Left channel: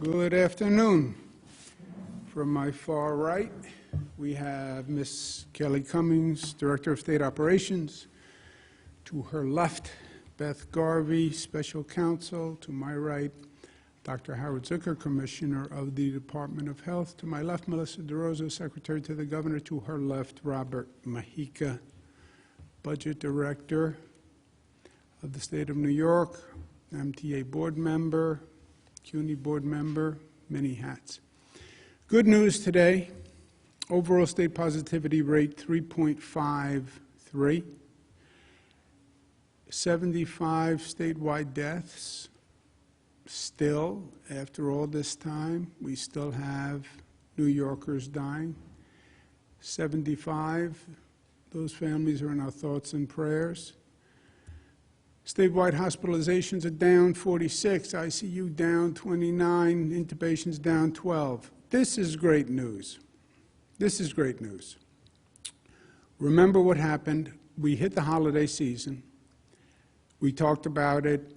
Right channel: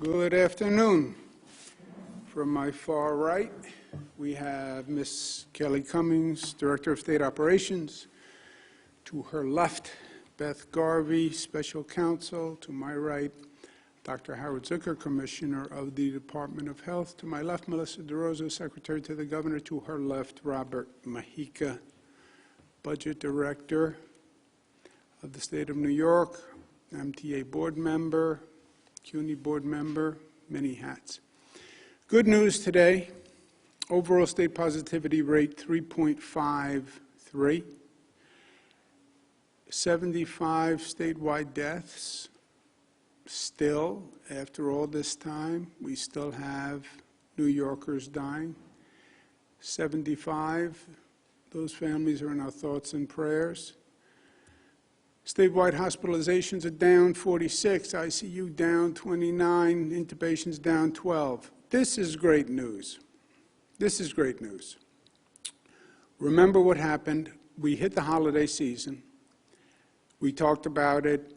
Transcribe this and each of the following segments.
Good afternoon. From my far right, we have Ms. Kelly Cummings, Director of State Operations. To her left, Beth Garvey, Special Counsel. To my right, Dr. Howard Zucker, Commissioner of the Department of Health. To my left, Melissa DeRosa, Secretary to the Governor. To her left, Robert Mahika, Budget Director of the State of New York, MTA Board Member, CUNY Board Member, many hats. Good news today, overall state positivity rate 3.53, 75 statewide deaths. Still, after all this time, we still have New Yorkers dying. 75, those families are in our thoughts and prayers. Statewide hospitalizations are down 46, ICU down 29, intubations down 12. This is great news. This is great news. Remember what happened. We hit the holiday season. We talked about it.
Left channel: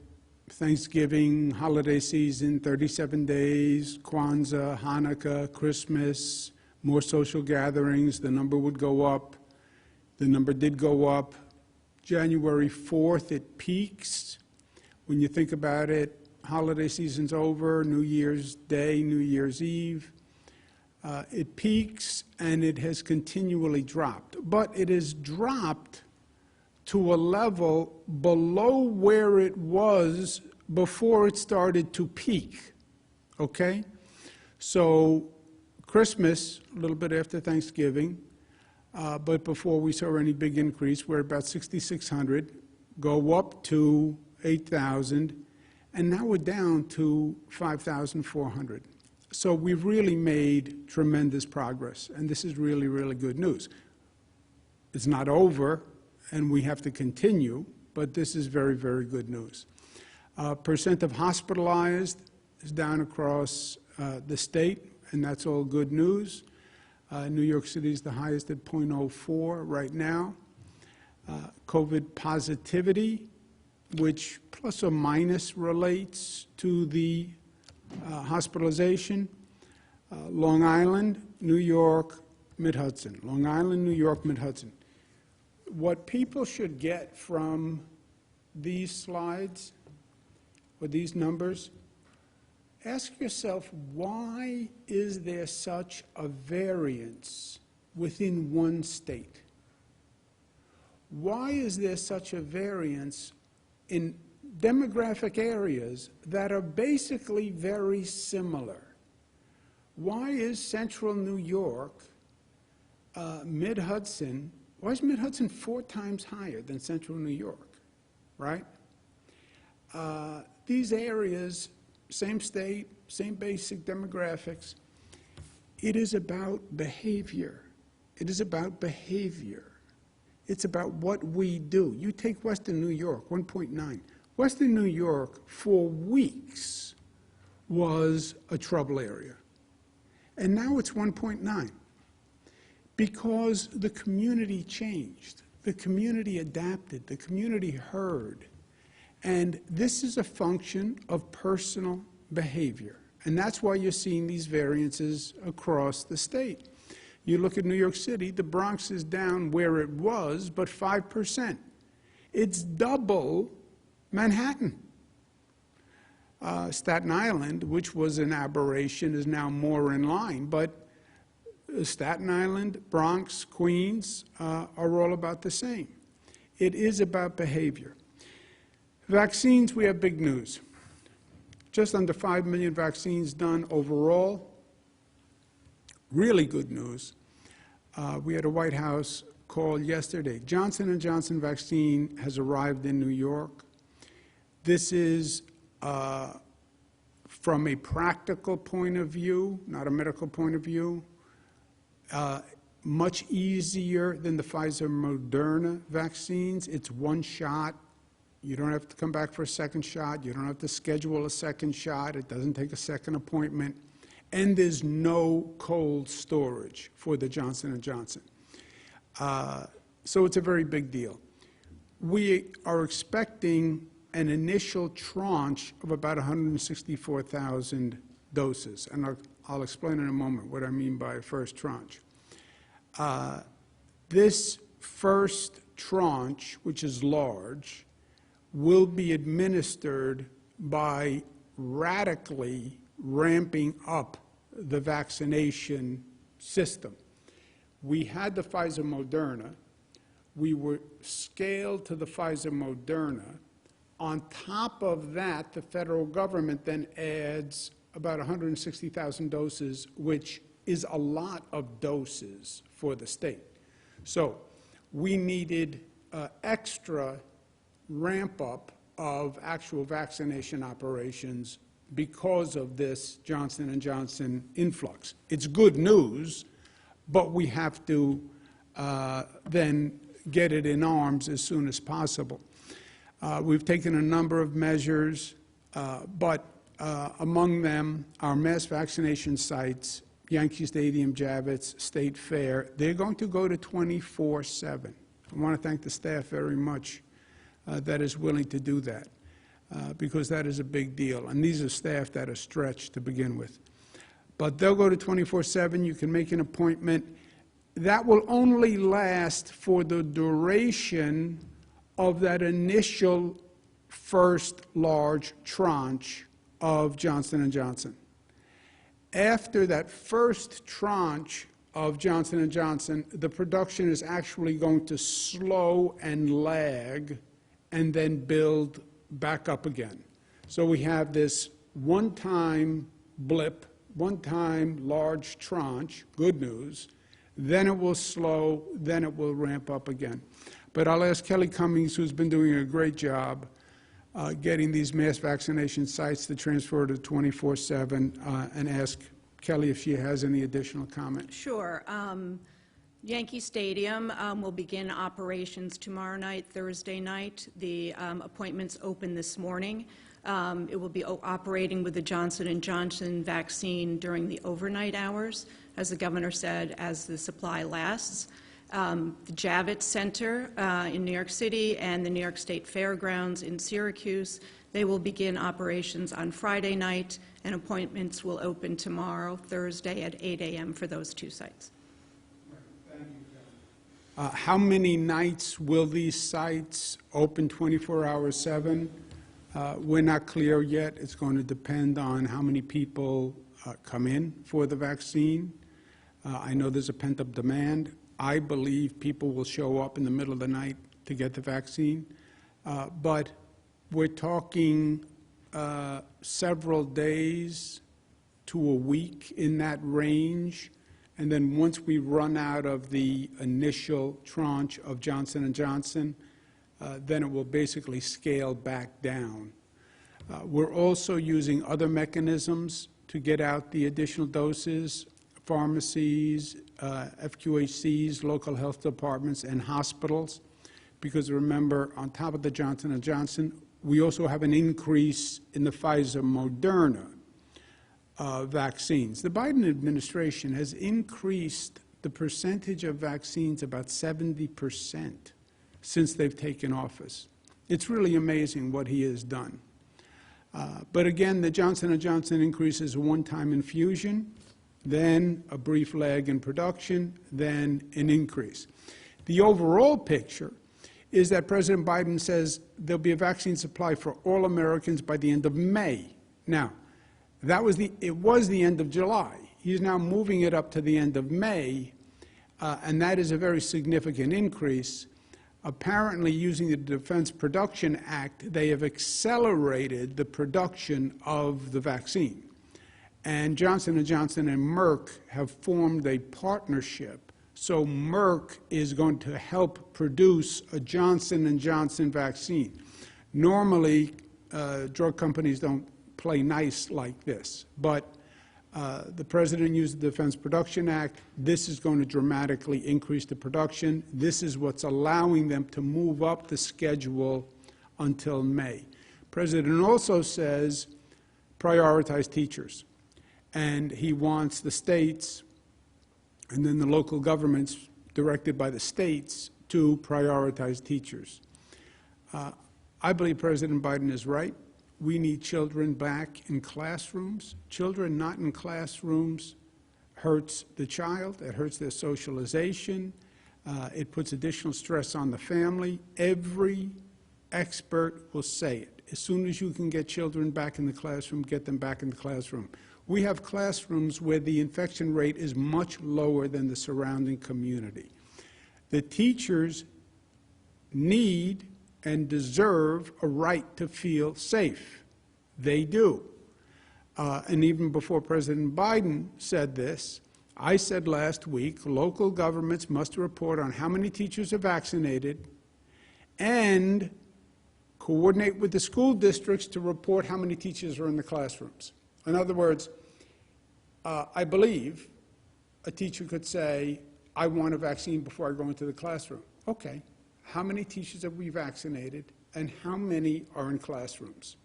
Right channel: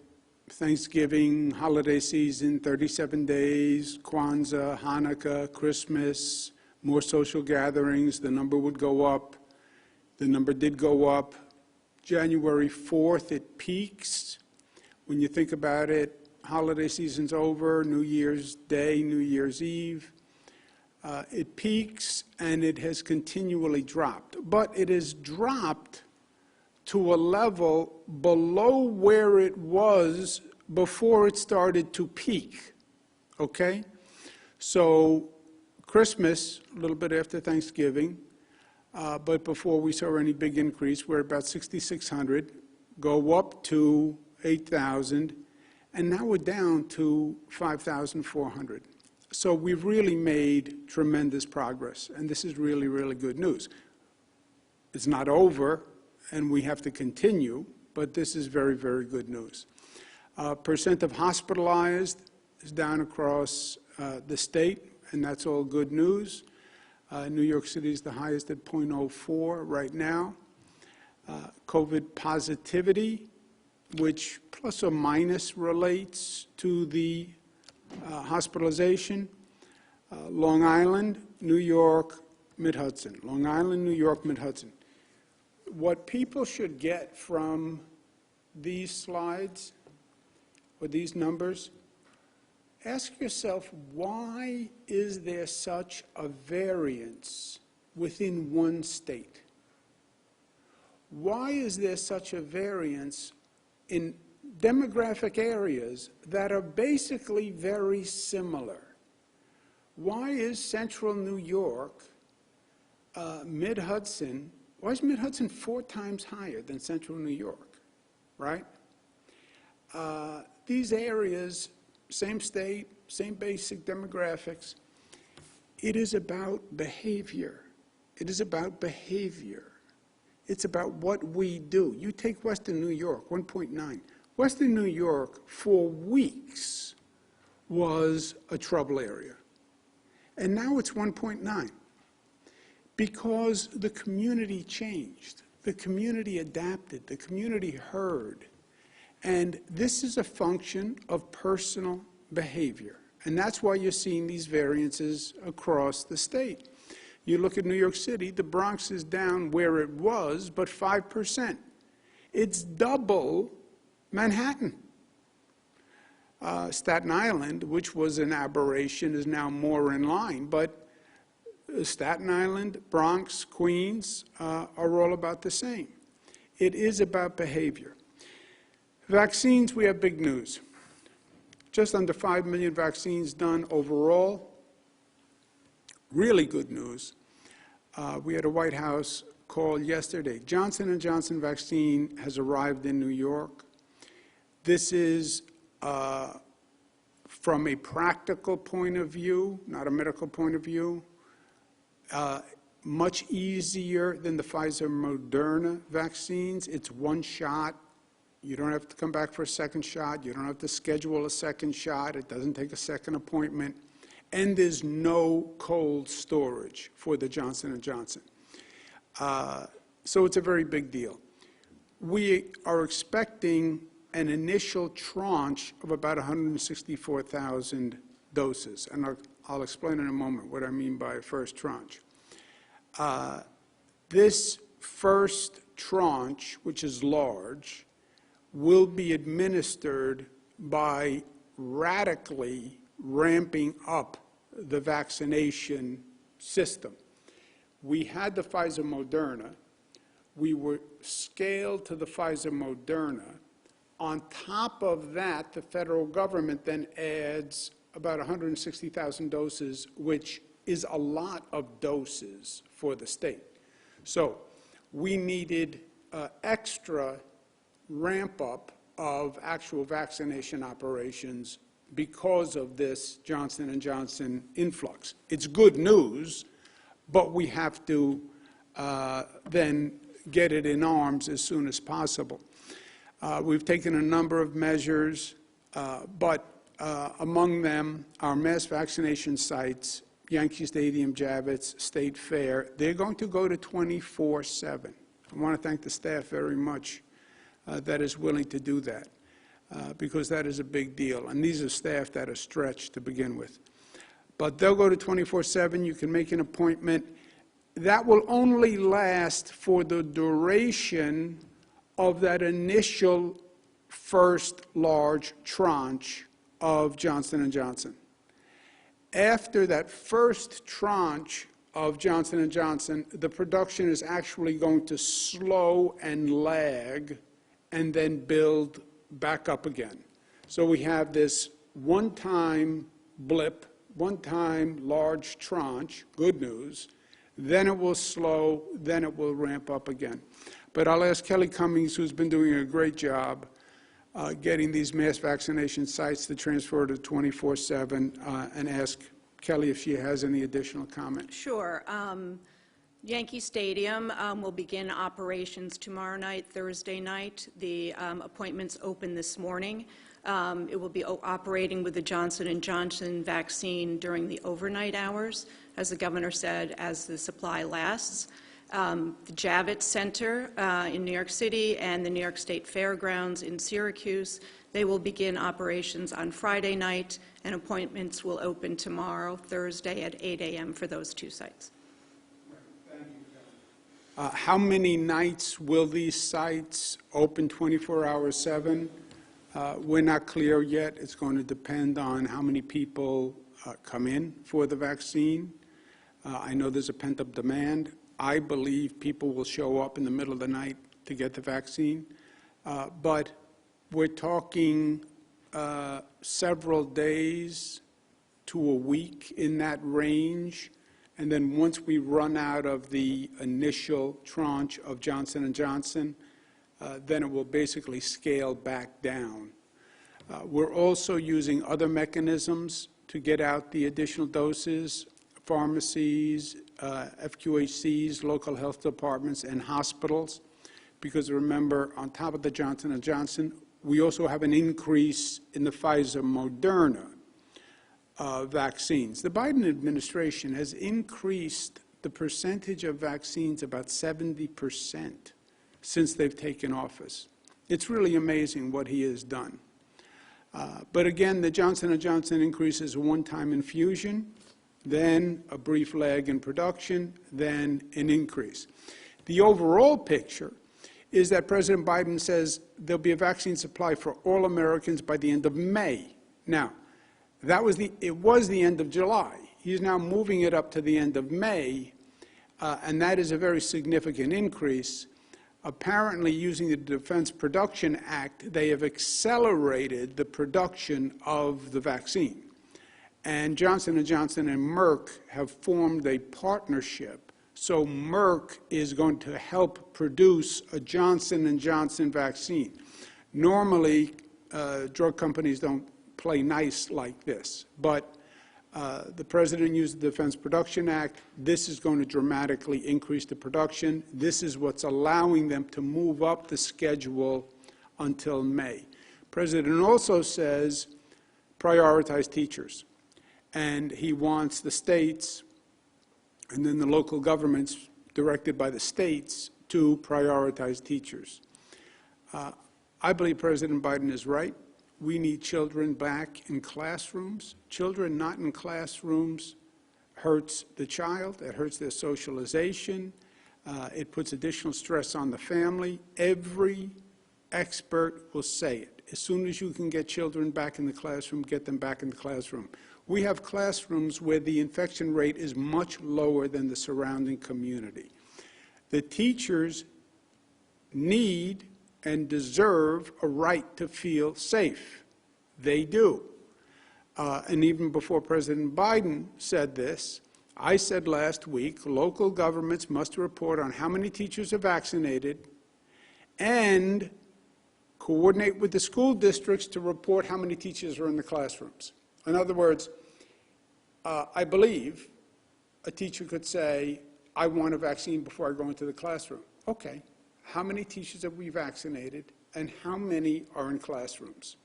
Thanksgiving, holiday season, 37 days, Kwanzaa, Hanukkah, Christmas, more social gatherings. The number would go up. The number did go up. January 4th, it peaks. When you think about it, holiday season's over, New Year's Day, New Year's Eve. It peaks, and it has continually dropped. But it has dropped to a level below where it was before it started to peak, okay? So Christmas, a little bit after Thanksgiving, but before we saw any big increase, we're about 6,600, go up to 8,000, and now we're down to 5,400. So we've really made tremendous progress, and this is really, really good news. It's not over, and we have to continue, but this is very, very good news. Percent of hospitalized is down across the state, and that's all good news. New York City is the highest at 0.04 right now. COVID positivity, which plus or minus relates to the hospitalization. Long Island, New York, Mid-Hudson. Long Island, New York, Mid-Hudson. What people should get from these slides or these numbers, ask yourself, why is there such a variance within one state? Why is there such a variance in demographic areas that are basically very similar? Why is central New York, Mid-Hudson, why is Mid-Hudson 4 times higher than central New York, right? These areas, same state, same basic demographics. It is about behavior. It is about behavior. It's about what we do. You take Western New York, 1.9. Western New York, for weeks, was a trouble area. And now it's 1.9. Because the community changed. The community adapted. The community heard. And this is a function of personal behavior. And that's why you're seeing these variances across the state. You look at New York City, the Bronx is down where it was, but 5%. It's double Manhattan. Staten Island, which was an aberration, is now more in line. But Staten Island, Bronx, Queens are all about the same. It is about behavior. Vaccines, we have big news. Just under 5 million vaccines done overall. Really good news. We had a White House call yesterday. Johnson & Johnson vaccine has arrived in New York. This is, from a practical point of view, not a medical point of view, much easier than the Pfizer-Moderna vaccines. It's one shot. You don't have to come back for a second shot. You don't have to schedule a second shot. It doesn't take a second appointment. And there's no cold storage for the Johnson & Johnson. So it's a very big deal. We are expecting an initial tranche of about 164,000 doses, and I'll explain in a moment what I mean by first tranche. This first tranche, which is large, will be administered by radically ramping up the vaccination system. We had the Pfizer-Moderna. We were scaled to the Pfizer-Moderna. On top of that, the federal government then adds about 160,000 doses, which is a lot of doses for the state. So we needed extra ramp-up of actual vaccination operations because of this Johnson & Johnson influx. It's good news, but we have to then get it in arms as soon as possible. We've taken a number of measures, but among them, our mass vaccination sites, Yankee Stadium, Javits, State Fair, they're going to go to 24/7. I want to thank the staff very much that is willing to do that, because that is a big deal. And these are staff that are stretched to begin with. But they'll go to 24/7. You can make an appointment. That will only last for the duration of that initial first large tranche of Johnson & Johnson. After that first tranche of Johnson & Johnson, the production is actually going to slow and lag and then build back up again. So we have this one-time blip, one-time large tranche, good news, then it will slow, then it will ramp up again. But I'll ask Kelly Cummings, who's been doing a great job getting these mass vaccination sites to transfer to 24/7, and ask Kelly if she has any additional comment. Sure. Yankee Stadium will begin operations tomorrow night, Thursday night. The appointments open this morning. It will be operating with the Johnson & Johnson vaccine during the overnight hours, as the governor said, as the supply lasts. The Javits Center in New York City and the New York State Fairgrounds in Syracuse, they will begin operations on Friday night, and appointments will open tomorrow, Thursday, at 8 a.m. for those two sites. Thank you, Kelly. How many nights will these sites open 24 hours 7? We're not clear yet. It's going to depend on how many people come in for the vaccine. I know there's a pent-up demand. I believe people will show up in the middle of the night to get the vaccine. But we're talking several days to a week in that range. And then once we run out of the initial tranche of Johnson & Johnson, then it will basically scale back down. We're also using other mechanisms to get out the additional doses, pharmacies, FQHCs, local health departments, and hospitals. Because remember, on top of the Johnson & Johnson, we also have an increase in the Pfizer-Moderna vaccines. The Biden administration has increased the percentage of vaccines about 70% since they've taken office. It's really amazing what he has done. But again, the Johnson & Johnson increase is a one-time infusion, then a brief lag in production, then an increase. The overall picture is that President Biden says there'll be a vaccine supply for all Americans by the end of May. Now, it was the end of July. He's now moving it up to the end of May, and that is a very significant increase. Apparently, using the Defense Production Act, they have accelerated the production of the vaccine. And Johnson & Johnson and Merck have formed a partnership. So Merck is going to help produce a Johnson & Johnson vaccine. Normally, drug companies don't play nice like this. But the President used the Defense Production Act. This is going to dramatically increase the production. This is what's allowing them to move up the schedule until May. The President also says prioritize teachers. And he wants the states and then the local governments directed by the states to prioritize teachers. I believe President Biden is right. we need children back in classrooms. Children not in classrooms hurts the child, it hurts their socialization, it puts additional stress on the family. Every expert will say it. As soon as you can get children back in the classroom, get them back in the classroom. We have classrooms where the infection rate is much lower than the surrounding community. The teachers need and deserve a right to feel safe. They do. And even before President Biden said this, I said last week, local governments must report on how many teachers are vaccinated and coordinate with the school districts to report how many teachers are in the classrooms. In other words, I believe a teacher could say, I want a vaccine before I go into the classroom. Okay, how many teachers have we vaccinated and how many are in classrooms?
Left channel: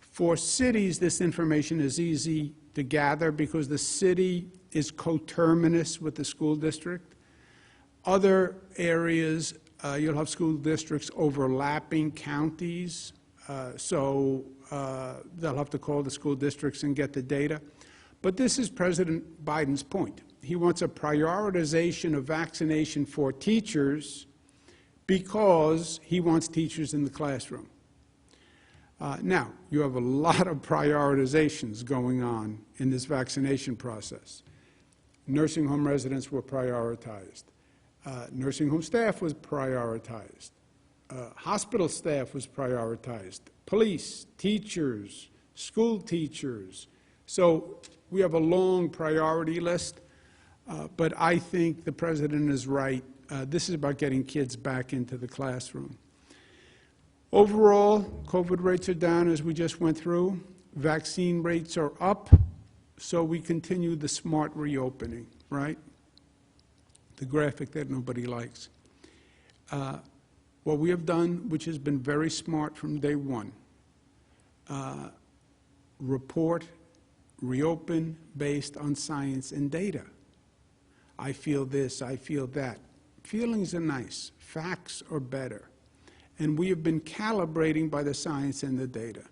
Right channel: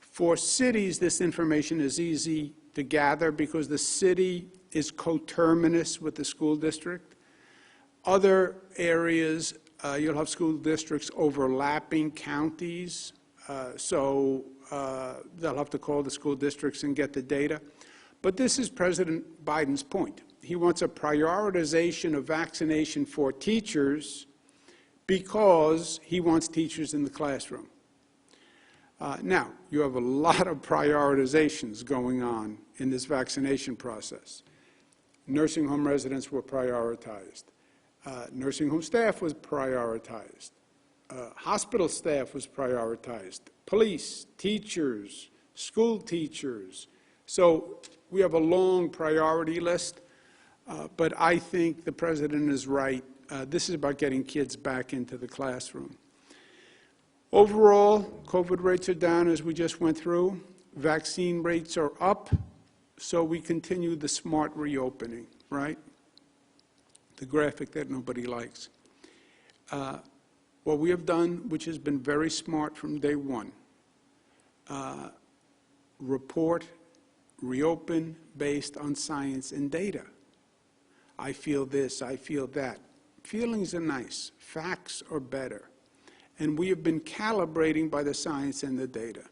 For cities, this information is easy to gather because the city is coterminous with the school district. Other areas, you'll have school districts overlapping counties, so they'll have to call the school districts and get the data. But this is President Biden's point. He wants a prioritization of vaccination for teachers because he wants teachers in the classroom. Now, you have a lot of prioritizations going on in this vaccination process. Nursing home residents were prioritized. Nursing home staff was prioritized. Hospital staff was prioritized. Police, teachers, school teachers. So we have a long priority list, but I think the President is right. This is about getting kids back into the classroom. Overall, COVID rates are down, as we just went through. Vaccine rates are up, so we continue the smart reopening, right? The graphic that nobody likes. What we have done, which has been very smart from day one, report, reopen based on science and data. I feel this, I feel that. Feelings are nice, facts are better. And we have been calibrating by the science and the data.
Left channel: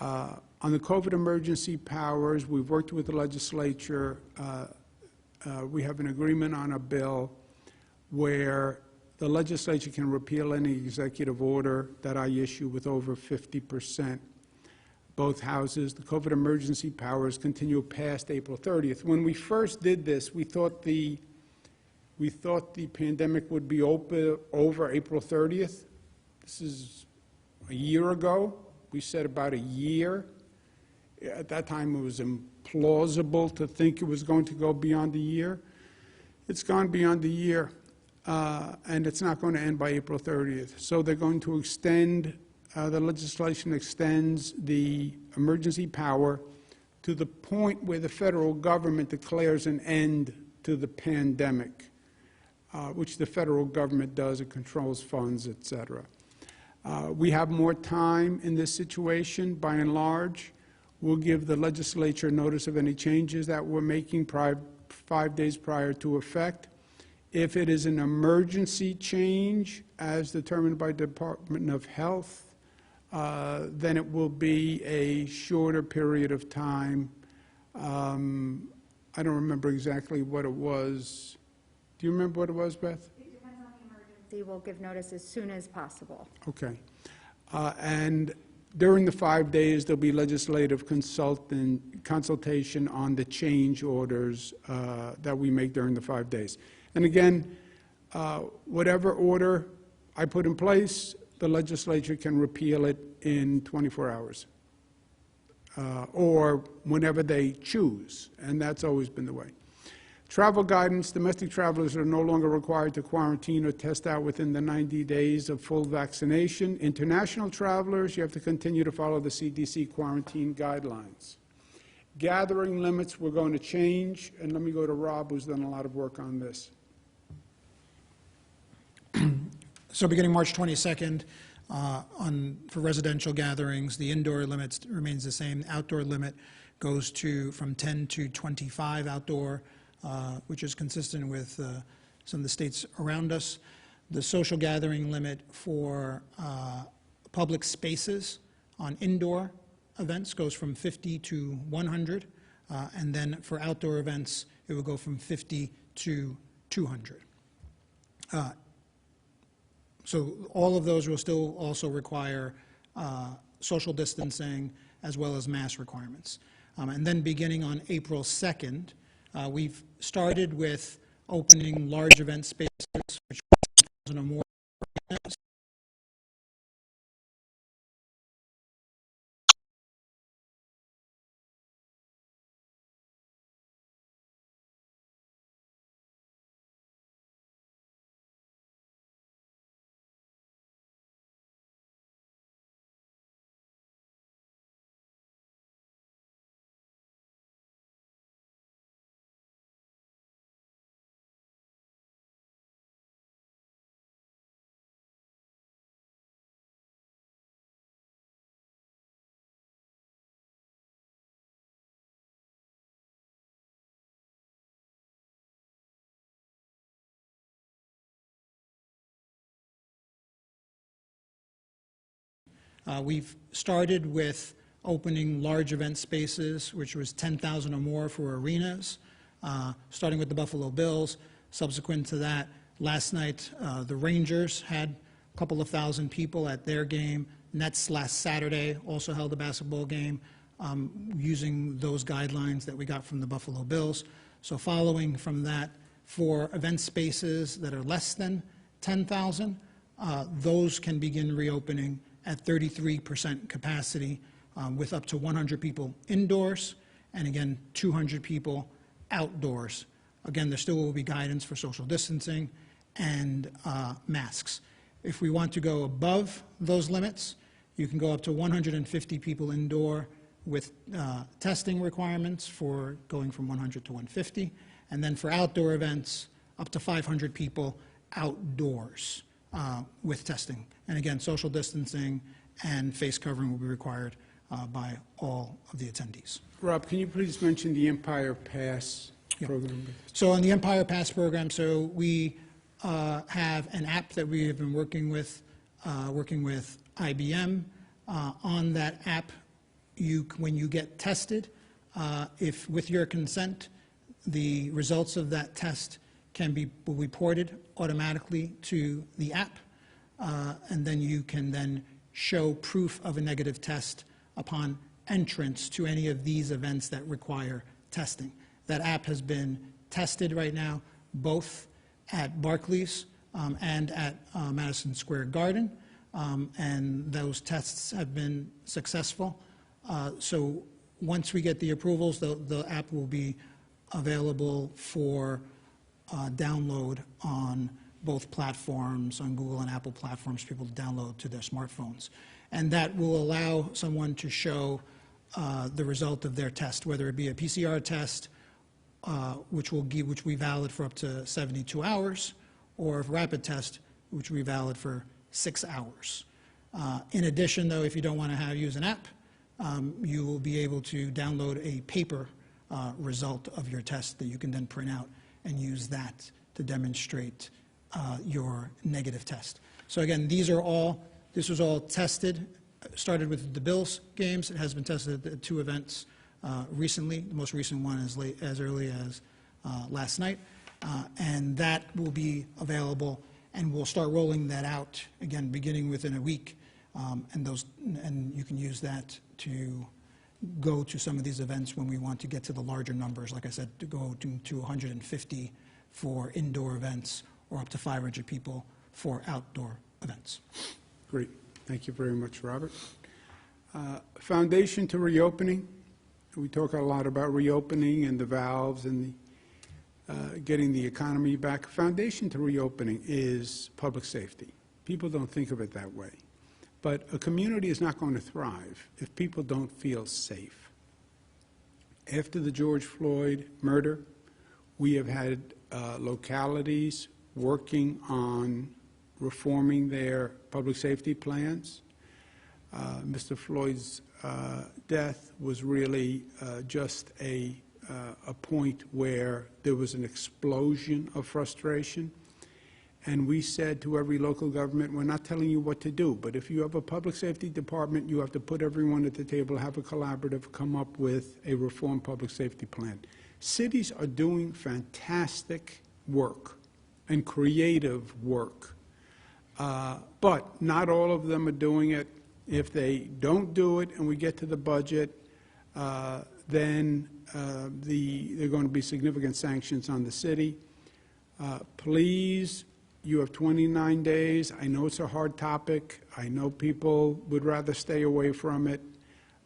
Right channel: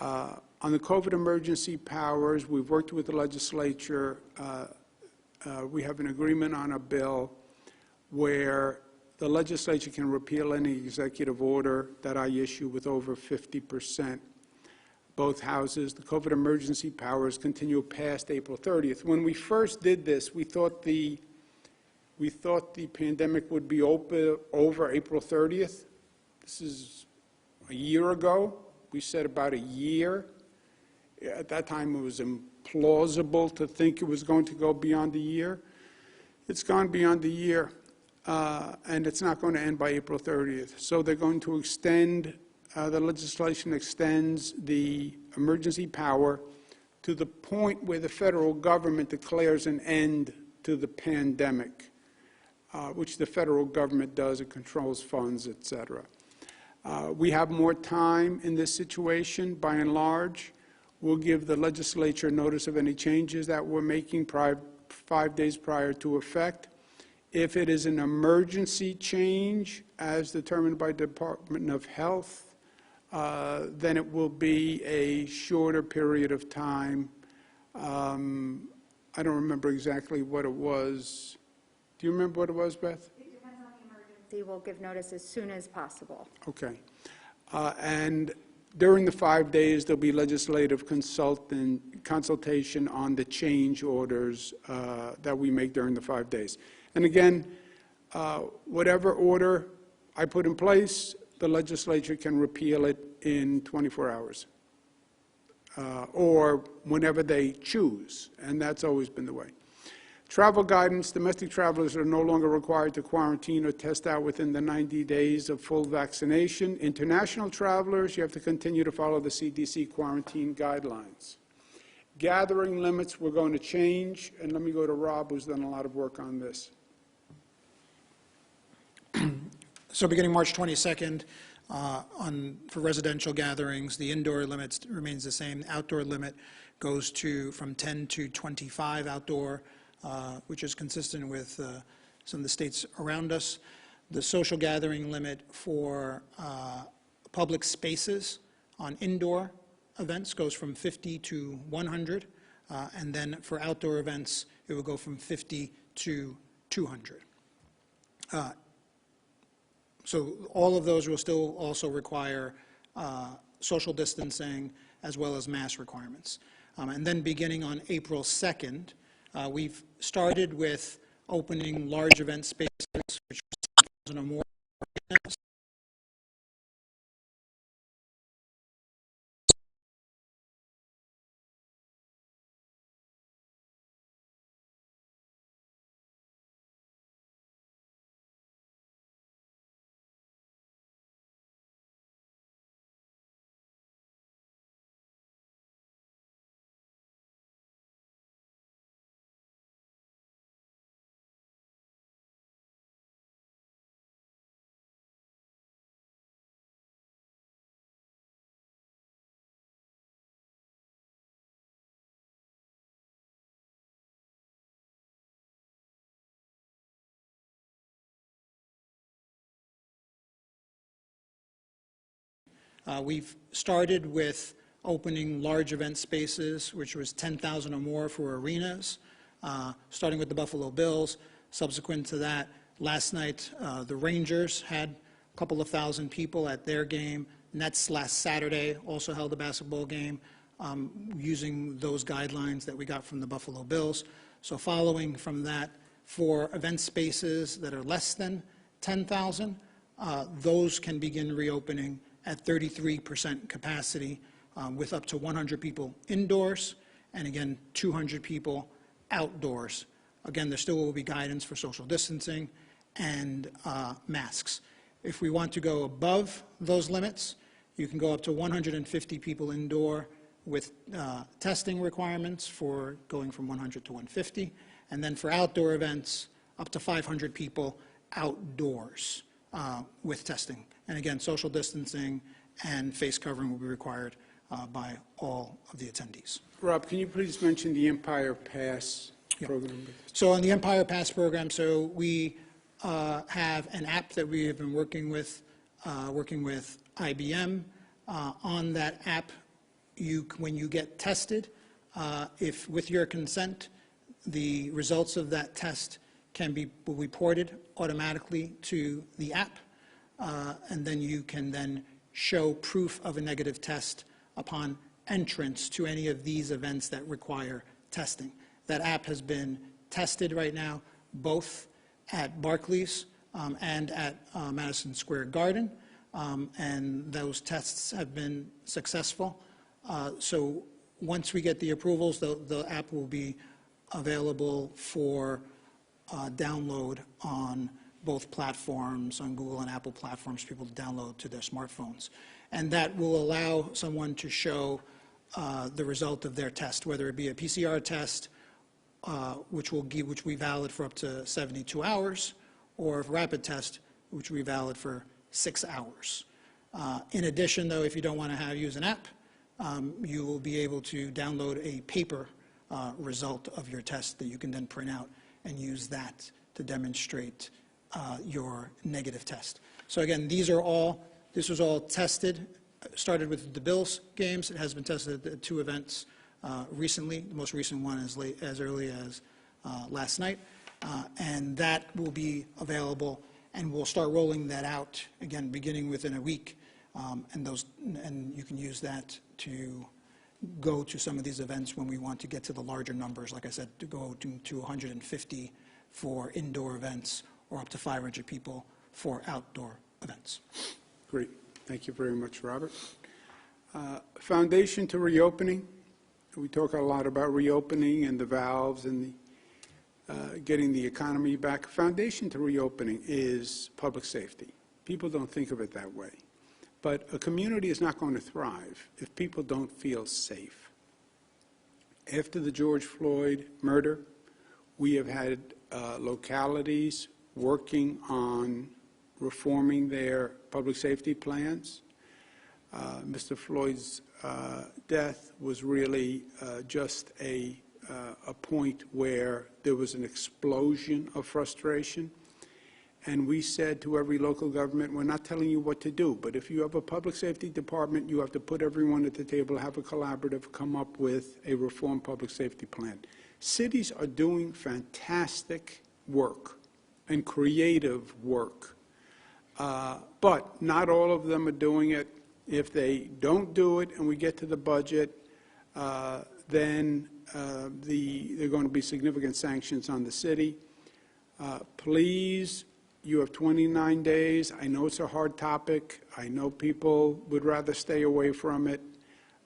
On the COVID emergency powers, we've worked with the legislature. We have an agreement on a bill where the legislature can repeal any executive order that I issue with over 50%. Both houses, the COVID emergency powers continue past April 30th. When we first did this, we thought the pandemic would be over April 30th. This is a year ago. We said about a year. At that time, it was implausible to think it was going to go beyond a year. It's gone beyond a year, and it's not going to end by April 30th. So they're going to extend, the legislation extends the emergency power to the point where the federal government declares an end to the pandemic, which the federal government does. It controls funds, et cetera. We have more time in this situation, by and large. We'll give the legislature notice of any changes that we're making 5 days prior to effect. If it is an emergency change, as determined by the Department of Health, then it will be a shorter period of time. I don't remember exactly what it was. Do you remember what it was, Beth? Will give notice as soon as possible. Okay. And during the 5 days, there'll be legislative consultation on the change orders that we make during the 5 days. And again, whatever order I put in place, the legislature can repeal it in 24 hours or whenever they choose, and that's always been the way. Travel guidance, domestic travelers are no longer required to quarantine or test out within the 90 days of full vaccination. International travelers, you have to continue to follow the CDC quarantine guidelines. Gathering limits, we're going to change, and let me go to Rob, who's done a lot of work on this. So beginning March 22nd, for residential gatherings, the indoor limit remains the same. Outdoor limit goes from 10 to 25 outdoor, which is consistent with some of the states around us. The social gathering limit for public spaces on indoor events goes from 50 to 100, and then for outdoor events, it will go from 50 to 200. So all of those will still also require social distancing as well as mask requirements. And then beginning on April 2nd, we've started with opening large event spaces, which are 1,000 or more. We've started with opening large event spaces, which was 10,000 or more for arenas, starting with the Buffalo Bills. Subsequent to that, last night, the Rangers had a couple of thousand people at their game. Nets last Saturday also held a basketball game using those guidelines that we got from the Buffalo Bills. So following from that, for event spaces that are less than 10,000, those can begin reopening at 33% capacity with up to 100 people indoors and, again, 200 people outdoors. Again, there still will be guidance for social distancing and masks. If we want to go above those limits, you can go up to 150 people indoor with testing requirements for going from 100 to 150, and then for outdoor events, up to 500 people outdoors with testing. And again, social distancing and face covering will be required by all of the attendees. Rob, can you please mention the Empire Pass program? So on the Empire Pass program, so we have an app that we have been working with IBM. On that app, when you get tested, if with your consent, the results of that test will be ported automatically to the app, and then you can then show proof of a negative test upon entrance to any of these events that require testing. That app has been tested right now, both at Barclays and at Madison Square Garden, and those tests have been successful. So once we get the approvals, the app will be available for download on both platforms, on Google and Apple platforms, for people to download to their smartphones. And that will allow someone to show the result of their test, whether it be a PCR test, which will be valid for up to 72 hours, or a rapid test, which will be valid for 6 hours. In addition, though, if you don't want to use an app, you will be able to download a paper result of your test that you can then print out and use that to demonstrate your negative test. So again, this was all tested, started with the Bills games. It has been tested at 2 events recently. The most recent one as early as last night. And that will be available, and we'll start rolling that out, again, beginning within a week. And you can use that to go to some of these events when we want to get to the larger numbers, like I said, to go to 150 for indoor events or up to 500 people for outdoor events. Great. Thank you very much, Robert. Foundation to reopening. We talk a lot about reopening and the valves and getting the economy back. Foundation to reopening is public safety. People don't think of it that way. But a community is not going to thrive if people don't feel safe. After the George Floyd murder, we have had localities working on reforming their public safety plans. Mr. Floyd's death was really just a point where there was an explosion of frustration. And we said to every local government, we're not telling you what to do, but if you have a public safety department, you have to put everyone at the table, have a collaborative, come up with a reformed public safety plan. Cities are doing fantastic work and creative work, but not all of them are doing it. If they don't do it and we get to the budget, then there are going to be significant sanctions on the city. Please, you have 29 days. I know it's a hard topic. I know people would rather stay away from it,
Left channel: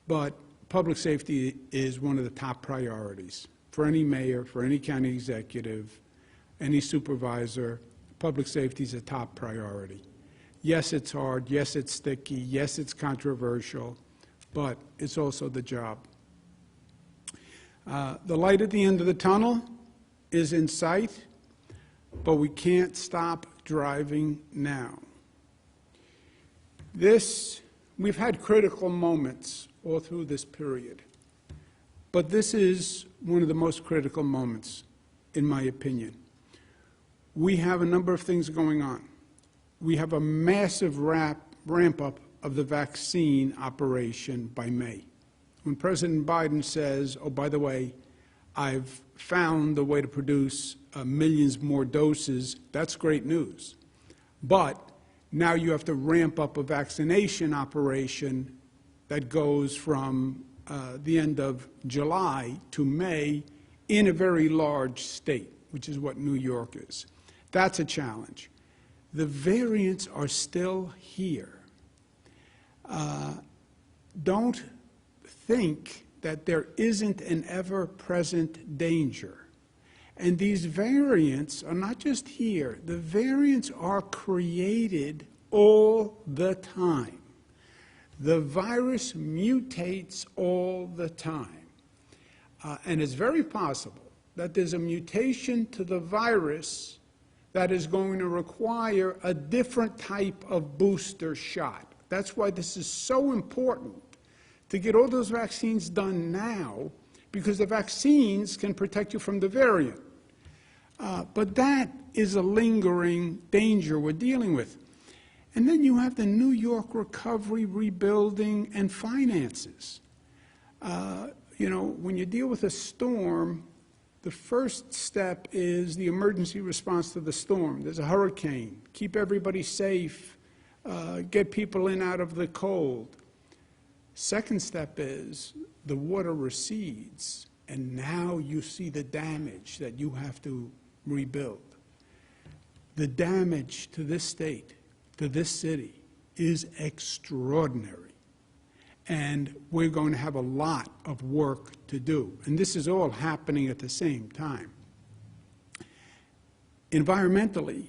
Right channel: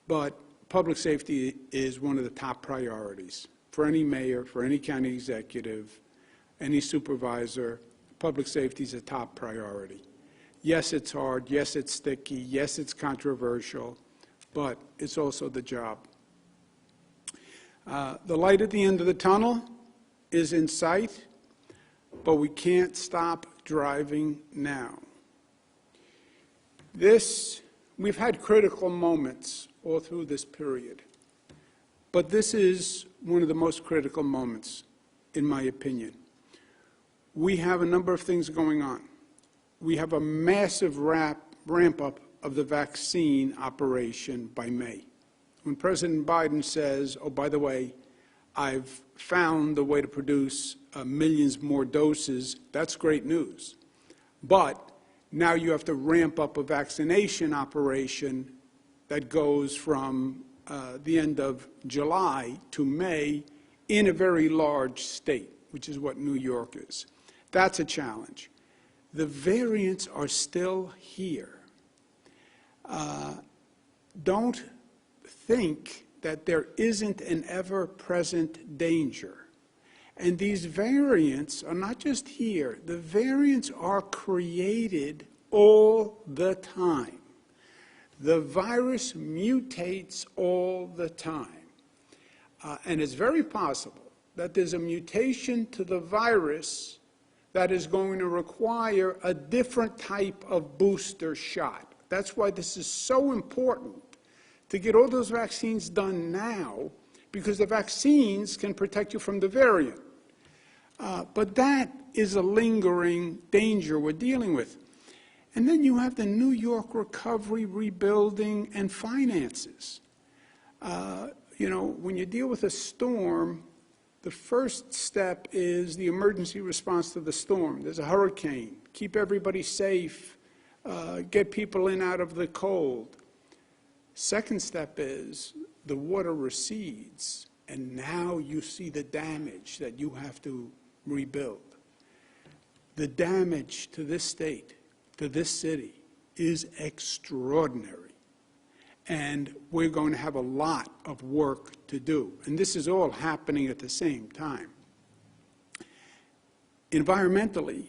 but public safety is one of the top priorities for any mayor, for any county executive, any supervisor. Public safety is a top priority. Yes, it's hard. Yes, it's sticky. Yes, it's controversial, but it's also the job. The light at the end of the tunnel is in sight, but we can't stop driving now. We've had critical moments all through this period, but this is one of the most critical moments, in my opinion. We have a number of things going on. We have a massive ramp-up of the vaccine operation by May. When President Biden says, oh, by the way, I've found a way to produce millions more doses, that's great news. But now you have to ramp up a vaccination operation that goes from the end of July to May in a very large state, which is what New York is. That's a challenge. The variants are still here. Don't think that there isn't an ever-present danger. And these variants are not just here. The variants are created all the time. The virus mutates all the time. And it's very possible that there's a mutation to the virus that is going to require a different type of booster shot. That's why this is so important to get all those vaccines done now, because the vaccines can protect you from the variant. But that is a lingering danger we're dealing with. And then you have the New York recovery, rebuilding, and finances. You know, when you deal with a storm, the first step is the emergency response to the storm. There's a hurricane. Keep everybody safe. Get people in out of the cold. Second step is the water recedes, and now you see the damage that you have to rebuild. The damage to this state, to this city, is extraordinary. And we're going to have a lot of work to do. And this is all happening at the same time. Environmentally,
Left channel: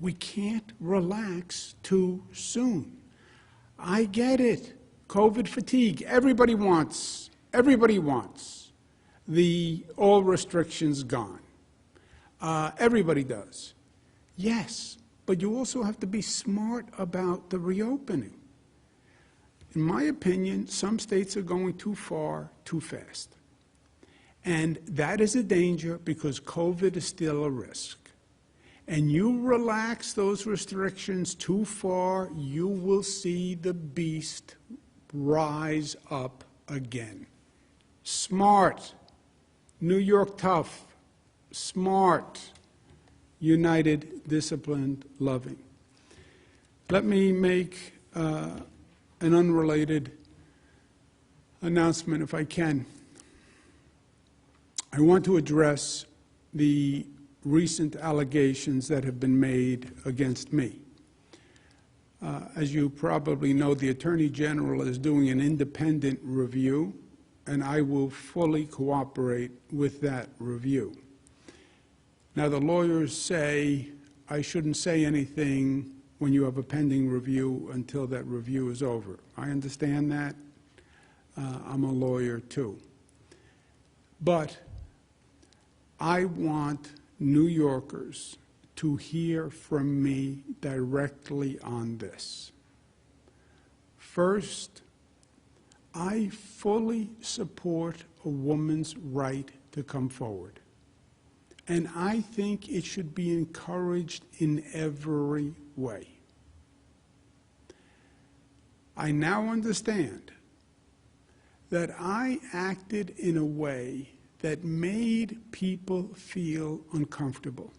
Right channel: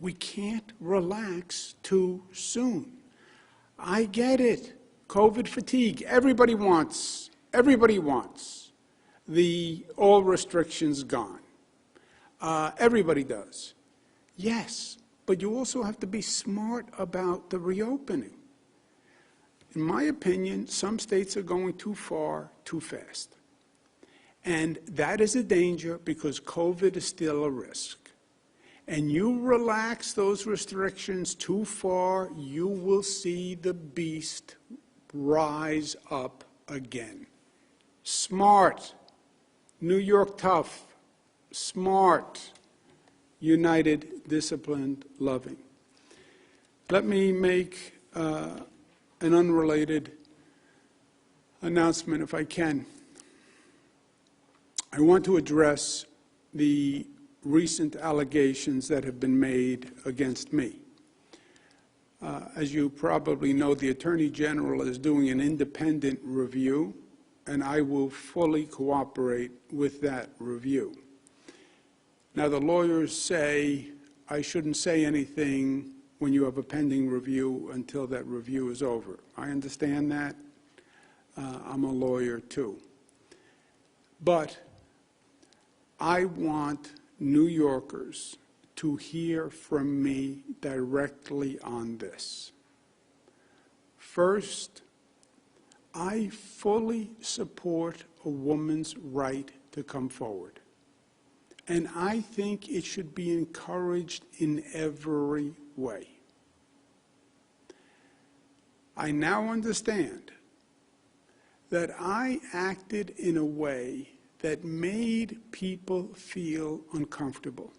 we can't relax too soon. I get it. COVID fatigue. Everybody wants all restrictions gone. Everybody does. Yes, but you also have to be smart about the reopening. In my opinion, some states are going too far, too fast. And that is a danger because COVID is still a risk. And you relax those restrictions too far, you will see the beast rise up again. Smart, New York tough, smart, united, disciplined, loving. Let me make an unrelated announcement, if I can. I want to address the recent allegations that have been made against me. As you probably know, the Attorney General is doing an independent review, and I will fully cooperate with that review. Now, the lawyers say I shouldn't say anything when you have a pending review until that review is over. I understand that. I'm a lawyer, too. But I want New Yorkers to hear from me directly on this. First, I fully support a woman's right to come forward. and I think it should be encouraged in every way. I now understand that I acted in a way that made people feel uncomfortable.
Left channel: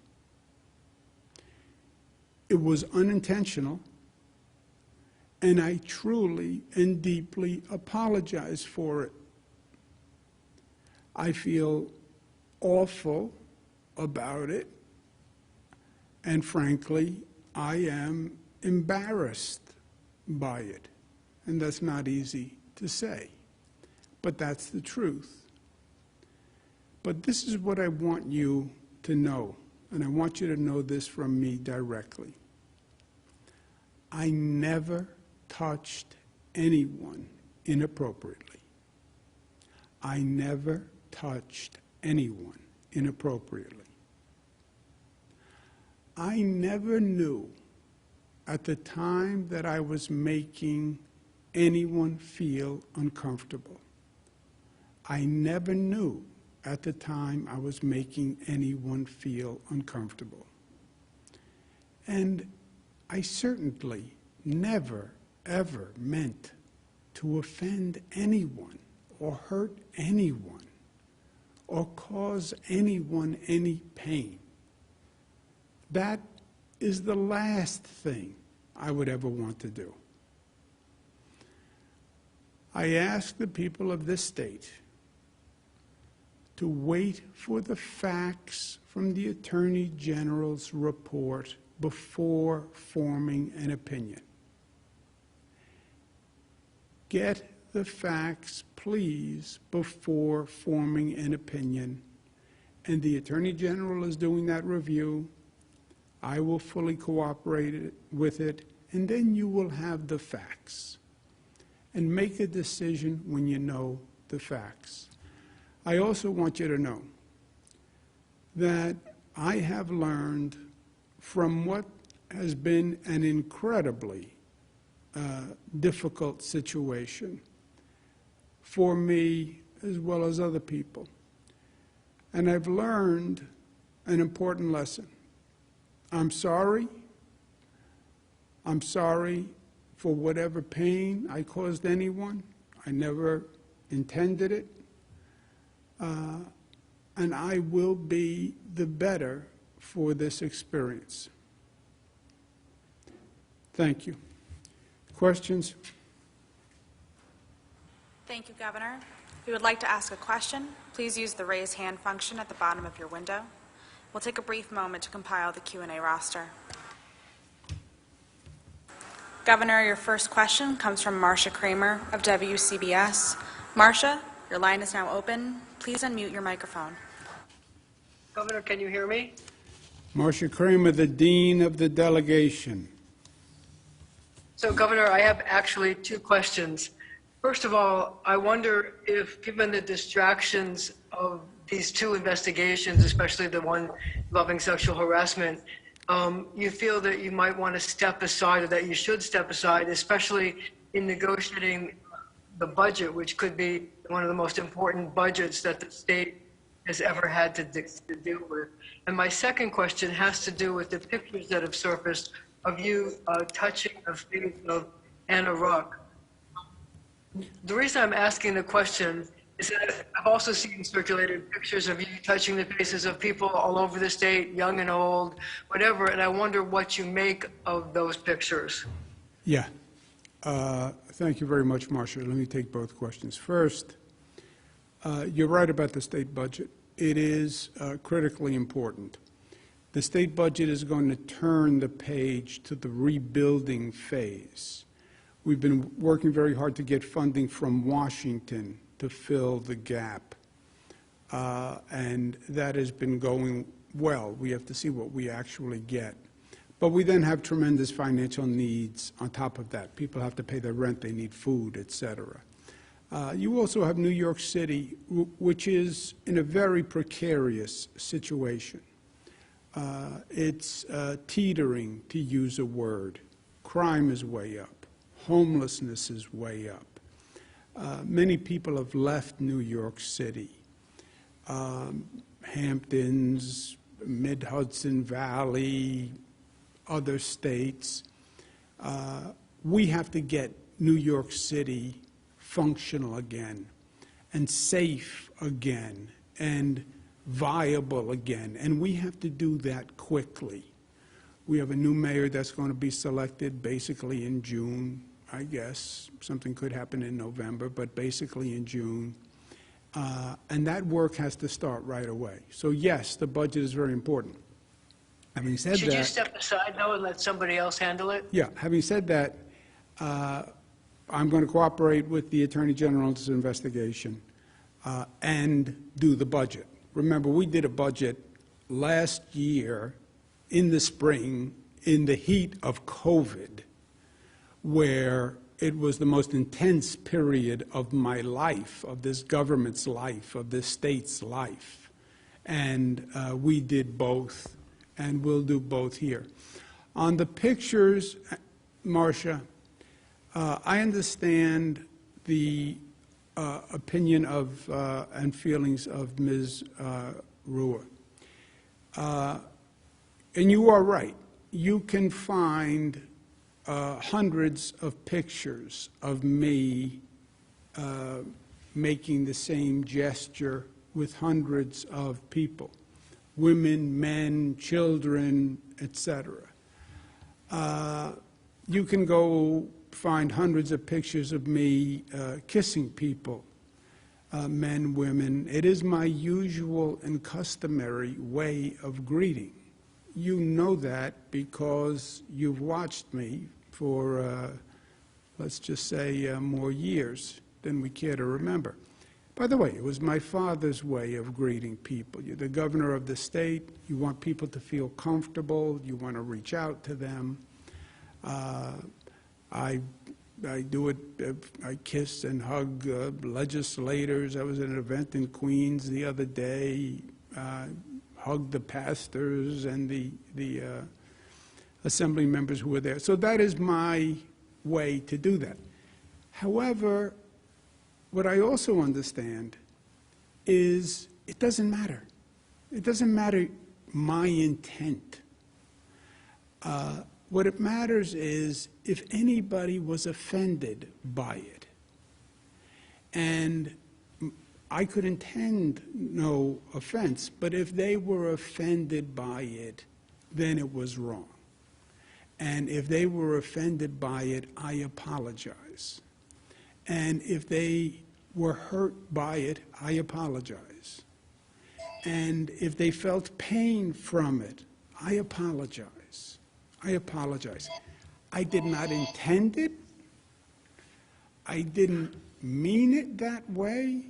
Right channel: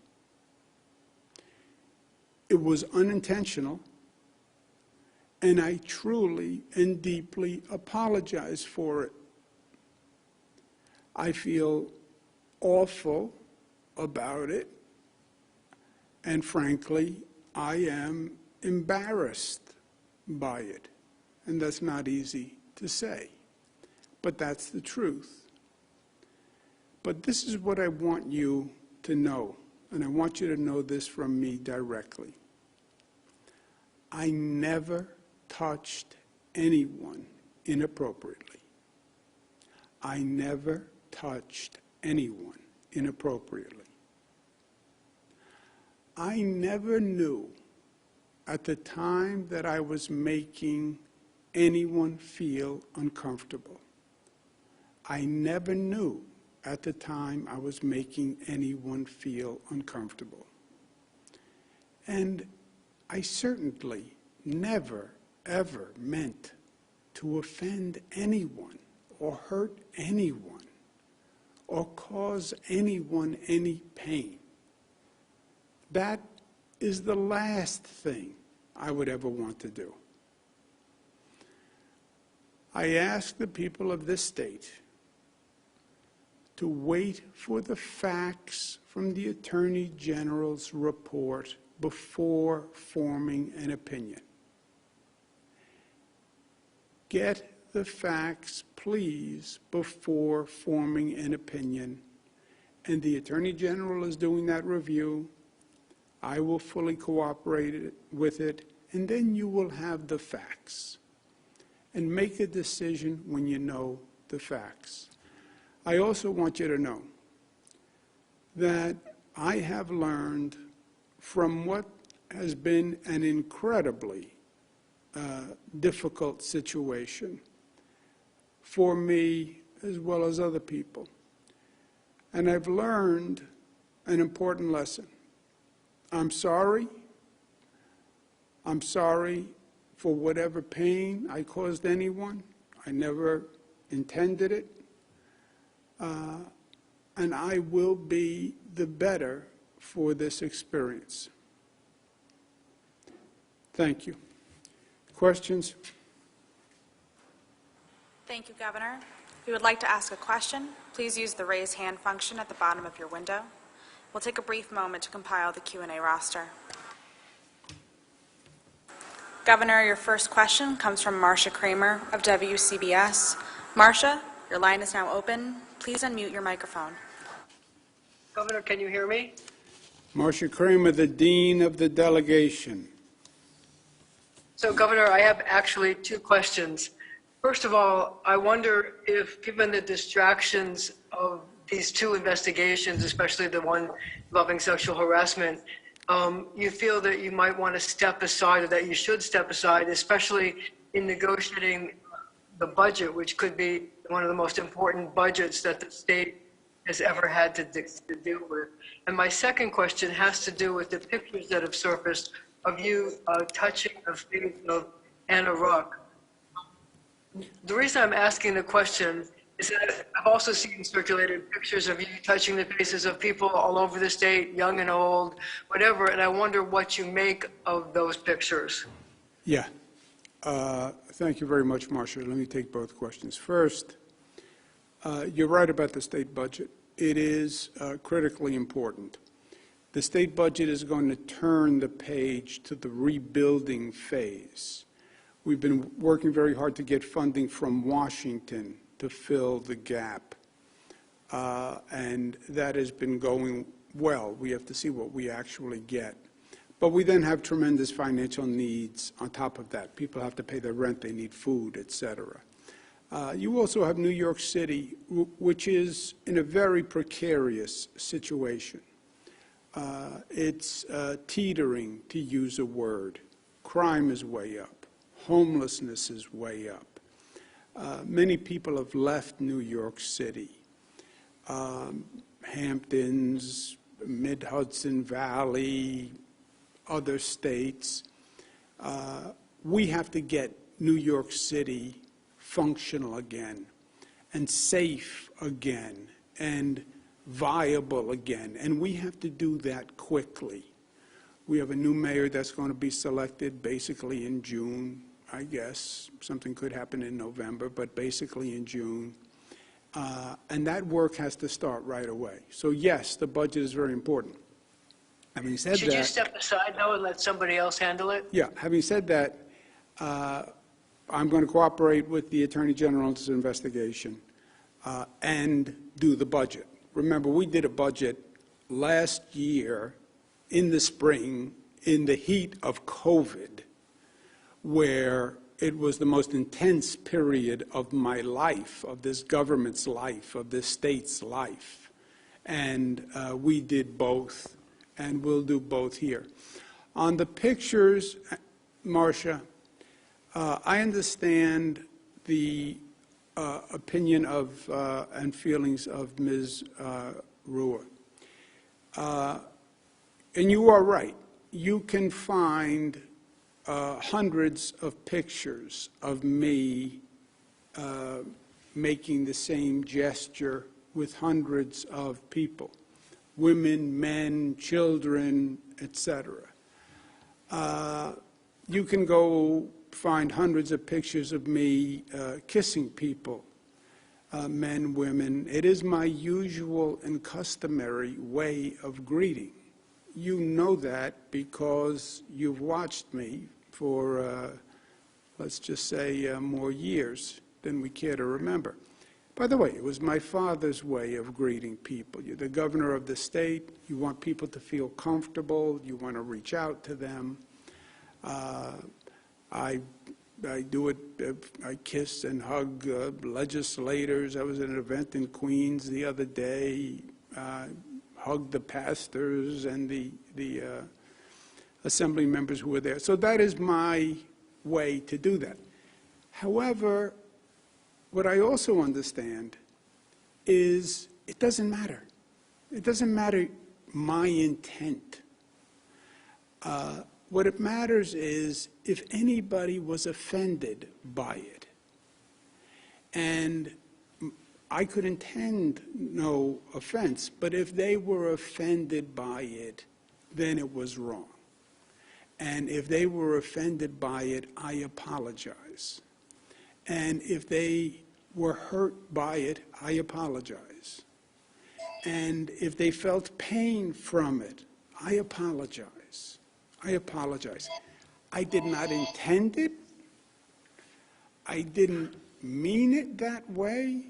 It was unintentional, and I truly and deeply apologize for it. I feel awful about it, and frankly, I am embarrassed by it. And that's not easy to say, but that's the truth. But this is what I want you to know, and I want you to know this from me directly. I never touched anyone inappropriately. I never touched anyone inappropriately. I never knew at the time that I was making anyone feel uncomfortable. I never knew at the time I was making anyone feel uncomfortable. And I certainly never, ever meant to offend anyone or hurt anyone or cause anyone any pain. That is the last thing I would ever want to do. I ask the people of this state to wait for the facts from the Attorney General's report before forming an opinion. Get the facts, please, before forming an opinion. And the Attorney General is doing that review. I will fully cooperate with it, and then you will have the facts. And make a decision when you know the facts. I also want you to know that I have learned from what has been an incredibly difficult situation for me as well as other people. And I've learned an important lesson. I'm sorry. I'm sorry for whatever pain I caused anyone. I never intended it. And I will be the better for this experience. Thank you. Questions? Thank you, Governor. If you would like to ask a question, please use the raise hand function at the bottom of your window. We'll take a brief moment to compile the Q&A roster. Governor, your first question comes from Marcia Kramer of WCBS. Marcia, your line is now open. Please unmute your microphone. Governor, can you hear me? Marcia Kramer, the Dean of the Delegation. So, Governor, I have actually two questions. First of all, I wonder if, given the distractions of these two investigations, especially the one involving sexual harassment, you feel that you might want to step aside, or that you should step aside, especially in negotiating the budget, which could be one of the most important budgets that the state has ever had to deal with. And my second question has to do with the pictures that have surfaced of you touching the face of Anna Ruck. The reason I'm asking the question is that I've also seen circulated pictures of you touching the faces of people all over the state, young and old, whatever, and I wonder what you make of those pictures. Yeah. Thank you very much, Marcia. Let me take both questions. First, you're right about the state budget. It is critically important. The state budget is going to turn the page to the rebuilding phase. We've been working very hard to get funding from Washington to fill the gap, and that has been going well. We have to see what we actually get. But we then have tremendous financial needs on top of that. People have to pay their rent, they need food, et cetera. You also have New York City, which is in a very precarious situation. It's teetering, to use a word. Crime is way up. Homelessness is way up. Many people have left New York City. Hamptons, Mid-Hudson Valley, other states. We have to get New York City functional again and safe again and viable again, and we have to do that quickly. We have a new mayor that's going to be selected basically in June, I guess. Something could happen in November, but basically in June. And that work has to start right away. So yes, the budget is very important. Having said Should that, you step aside, though, and let somebody else handle it? yeah, having said that, I'm going to cooperate with the Attorney General's investigation and do the budget. Remember, we did a budget last year in the spring in the heat of COVID, where it was the most intense period of my life, of this government's life, of this state's life. And we did both, and we'll do both here. On the pictures, Marcia, I understand the opinion of and feelings of Ms. Ruhr. And you are right. You can find hundreds of pictures of me making the same gesture with hundreds of people, women, men, children, etc. You can go find hundreds of pictures of me kissing people, men, women. It is my usual and customary way of greeting. You know that because you've watched me for, let's just say, more years than we care to remember. By the way, it was my father's way of greeting people. You're the governor of the state. You want people to feel comfortable. You want to reach out to them. I do it. I kiss and hug legislators. I was at an event in Queens the other day. Hugged the pastors and the assembly members who were there. So that is my way to do that. However, what I also understand is it doesn't matter. It doesn't matter my intent. What it matters is if anybody was offended by it. And I could intend no offense, but if they were offended by it, then it was wrong. And if they were offended by it, I apologize. And if they were hurt by it, I apologize. And if they felt pain from it, I apologize. I apologize. I did not intend it. I didn't mean it that way.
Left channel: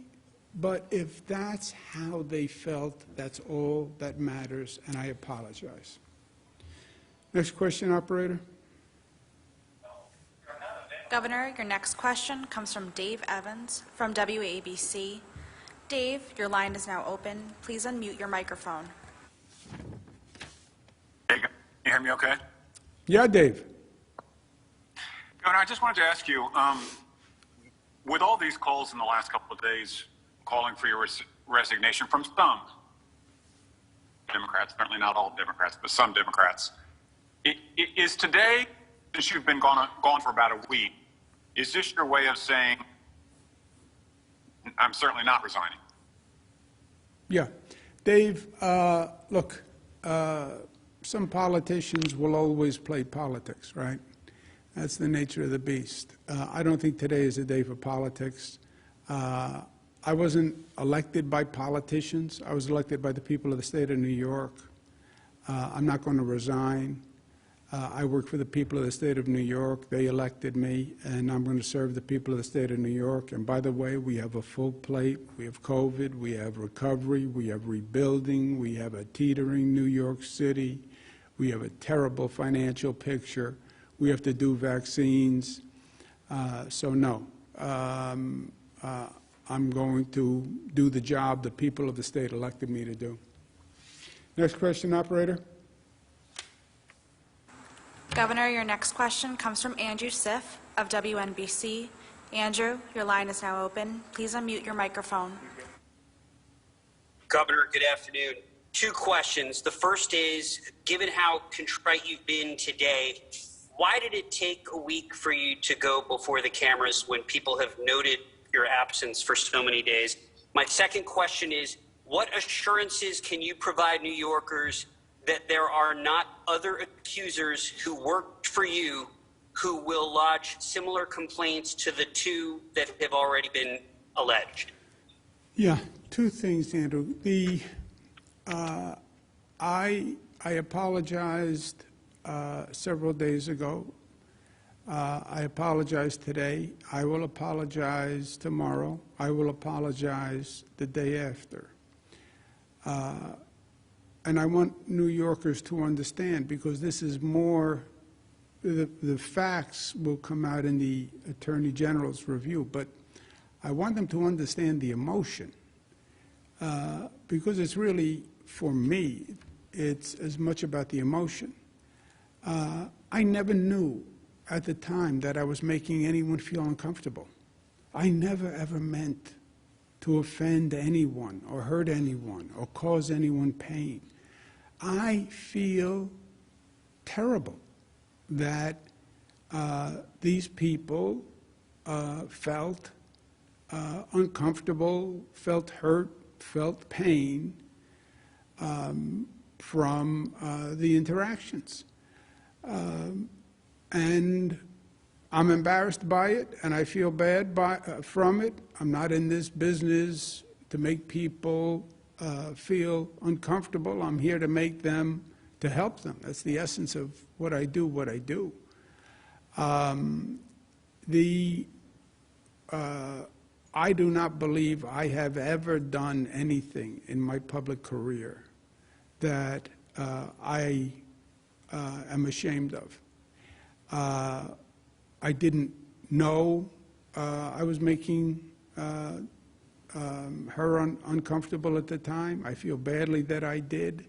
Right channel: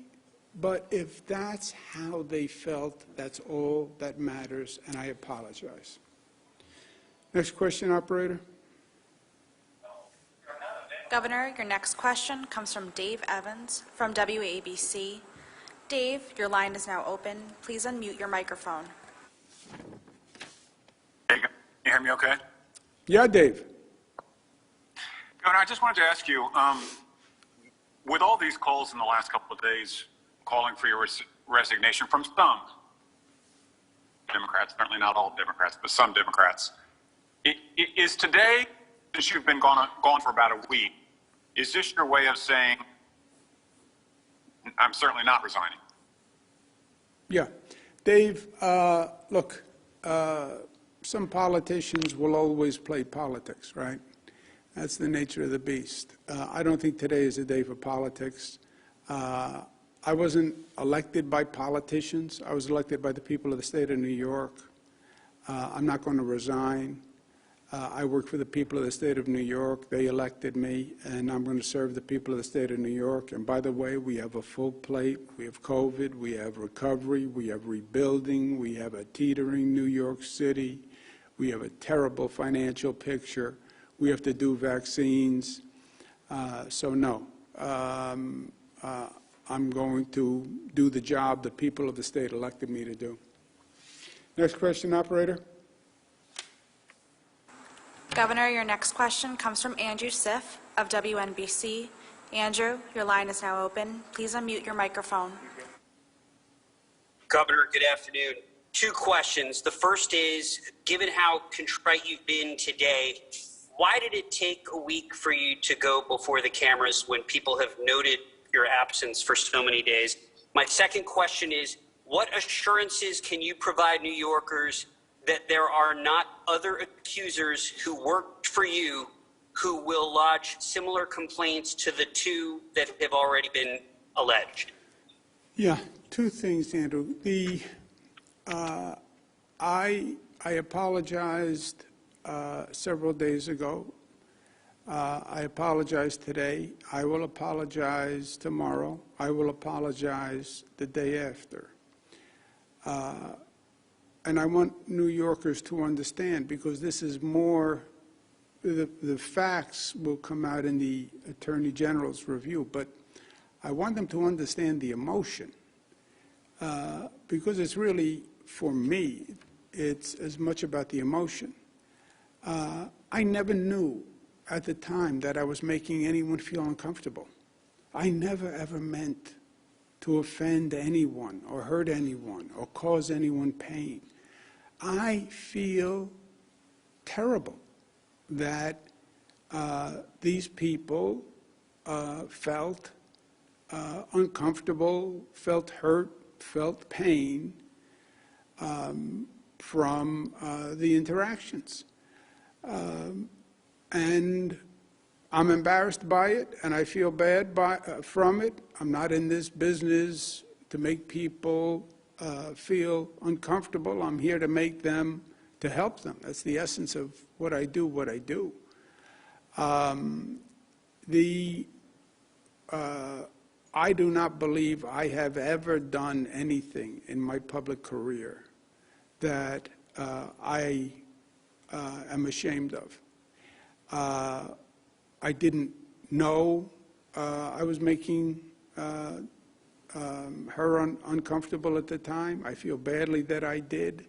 But if that's how they felt, that's all that matters, and I apologize. Next question, operator. Governor, your next question comes from Dave Evans from WABC. Dave, your line is now open. Please unmute your microphone. Hey, can you hear me okay? Yeah, Dave. Governor, I just wanted to ask you, with all these calls in the last couple of days calling for your resignation from some Democrats, certainly not all Democrats, but some Democrats, is today, since you've been gone for about a week, is this your way of saying, I'm certainly not resigning? Yeah. Dave, look, some politicians will always play politics, right? That's the nature of the beast. I don't think today is a day for politics. I wasn't elected by politicians. I was elected by the people of the state of New York. I'm not going to resign. I work for the people of the state of New York. They elected me, and I'm going to serve the people of the state of New York. And by the way, we have a full plate. We have COVID. We have recovery. We have rebuilding. We have a teetering New York City. We have a terrible financial picture. We have to do vaccines. So no. I'm going to do the job the people of the state elected me to do. Next question, operator. Governor, your next question comes from Andrew Siff of WNBC. Andrew, your line is now open. Please unmute your microphone. Governor, good afternoon. Two questions. The first is, given how contrite you've been today, why did it take a week for you to go before the cameras when people have noted your absence for so many days? My second question is, what assurances can you provide New Yorkers that there are not other accusers who worked for you who will lodge similar complaints to the two that have already been alleged? Yeah, two things, Andrew. I apologized several days ago. I apologize today. I will apologize tomorrow. I will apologize the day after. And I want New Yorkers to understand, because this is more, the facts will come out in the Attorney General's review, but I want them to understand the emotion, because it's really, for me, it's as much about the emotion. I never knew at the time that I was making anyone feel uncomfortable. I never, ever meant to offend anyone or hurt anyone or cause anyone pain. I feel terrible that these people felt uncomfortable, felt hurt, felt pain from the interactions. And I'm embarrassed by it, and I feel bad from it. I'm not in this business to make people feel uncomfortable. I'm here to make them, to help them. That's the essence of what I do. I do not believe I have ever done anything in my public career that I am ashamed of. I didn't know I was making her uncomfortable at the time. I feel badly that I did.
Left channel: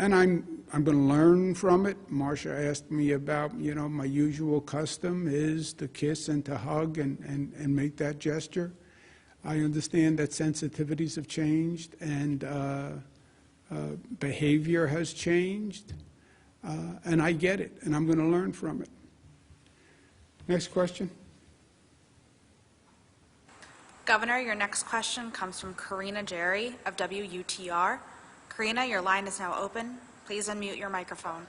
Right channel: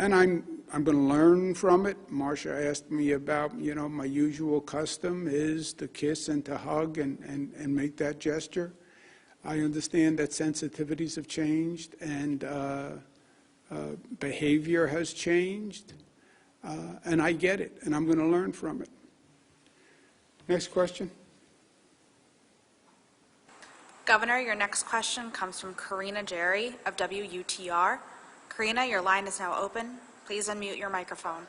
And I'm going to learn from it. Marcia asked me about, my usual custom is to kiss and to hug and make that gesture. I understand that sensitivities have changed and behavior has changed. And I get it, and I'm going to learn from it. Next question. Governor, your next question comes from Karina Jerry of WUTR. Karina, your line is now open. Please unmute your microphone.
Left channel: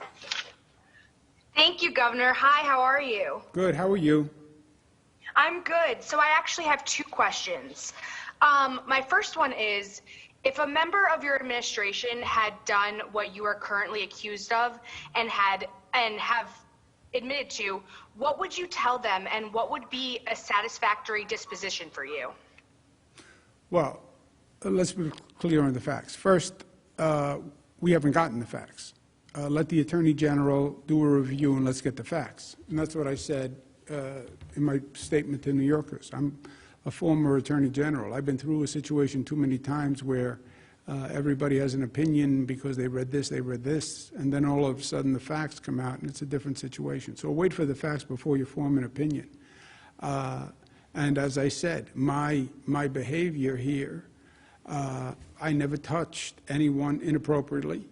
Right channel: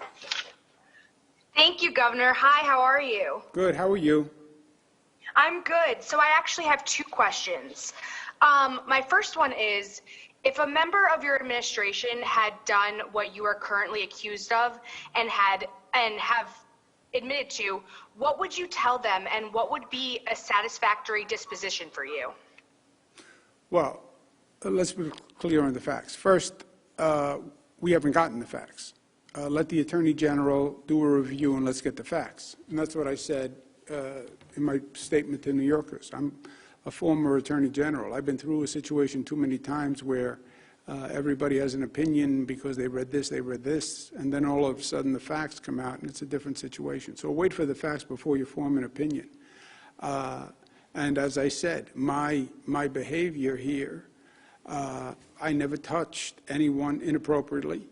Thank you, Governor. Hi, how are you? Good. How are you? I'm good. So I actually have two questions. My first one is, if a member of your administration had done what you are currently accused of and have admitted to, what would you tell them, and what would be a satisfactory disposition for you? Well, let's be clear on the facts. First, we haven't gotten the facts. Let the Attorney General do a review and let's get the facts. And that's what I said in my statement to New Yorkers. I'm a former Attorney General. I've been through a situation too many times where everybody has an opinion because they read this, and then all of a sudden the facts come out and it's a different situation. So wait for the facts before you form an opinion. And as I said, my behavior here, I never touched anyone inappropriately.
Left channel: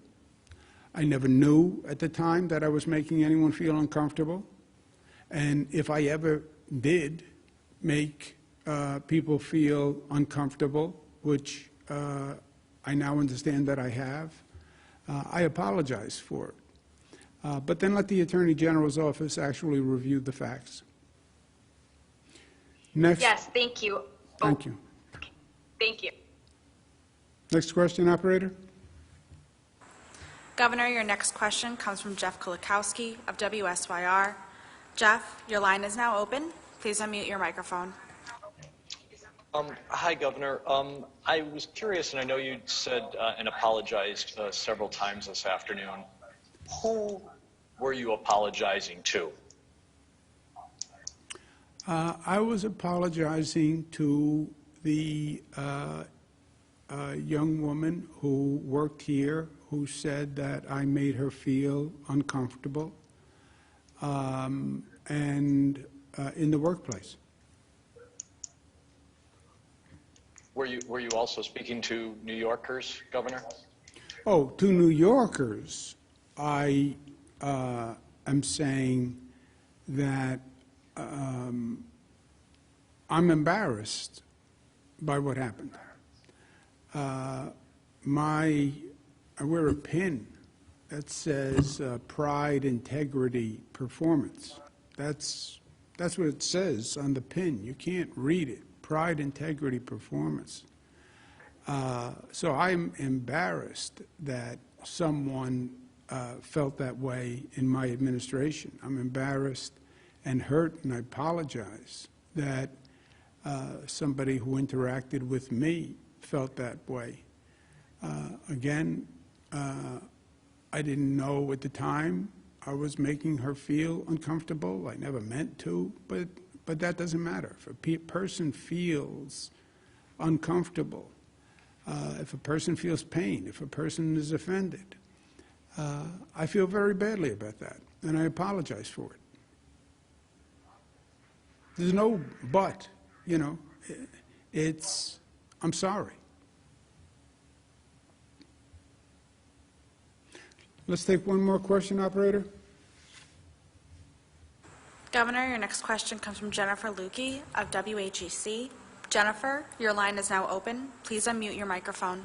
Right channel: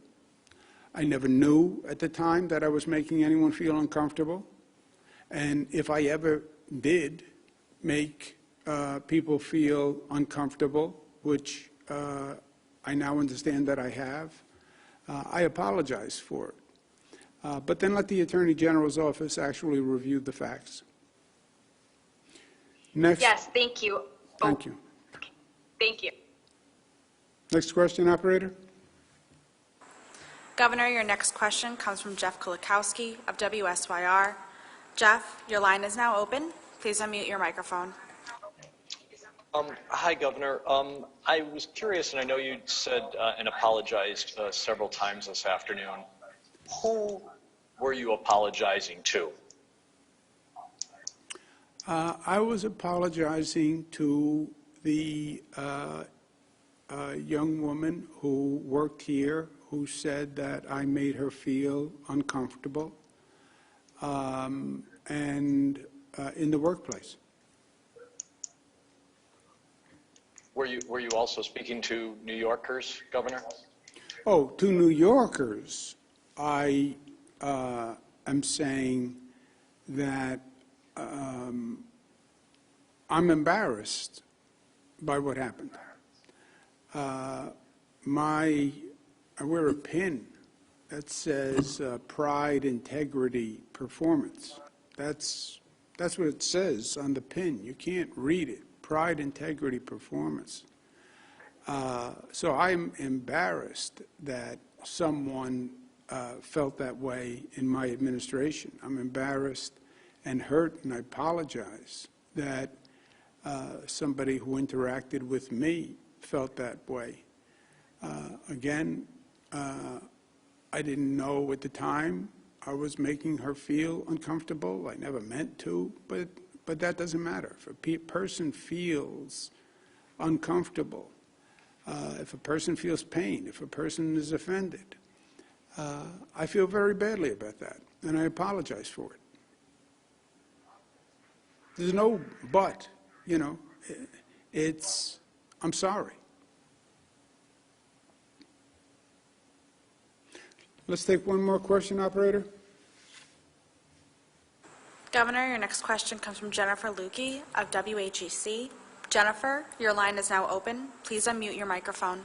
I never knew at the time that I was making anyone feel uncomfortable. And if I ever did make people feel uncomfortable, which I now understand that I have, I apologize for it. But then let the Attorney General's office actually review the facts. Next. Yes, thank you. Thank you. Okay. Thank you. Next question, operator. Governor, your next question comes from Jeff Kulikowski of WSYR. Jeff, your line is now open. Please unmute your microphone. Hi, Governor. I was curious, and I know you said and apologized several times this afternoon. Who were you apologizing to? I was apologizing to the young woman who worked here, who said that I made her feel uncomfortable, and in the workplace. Were you also speaking to New Yorkers, Governor? Oh, to New Yorkers, I am saying that I'm embarrassed by what happened. I wear a pin that says pride, integrity, performance. That's what it says on the pin. You can't read it. Pride, integrity, performance. So I'm embarrassed that someone felt that way in my administration. I'm embarrassed and hurt, and I apologize that somebody who interacted with me felt that way. Again, I didn't know at the time I was making her feel uncomfortable. I never meant to, but that doesn't matter. If a person feels uncomfortable, if a person feels pain, if a person is offended, I feel very badly about that, and I apologize for it. There's no but, you know. I'm sorry. Let's take one more question, operator. Governor, your next question comes from Jennifer Lukey of WHEC. Jennifer, your line is now open. Please unmute your microphone.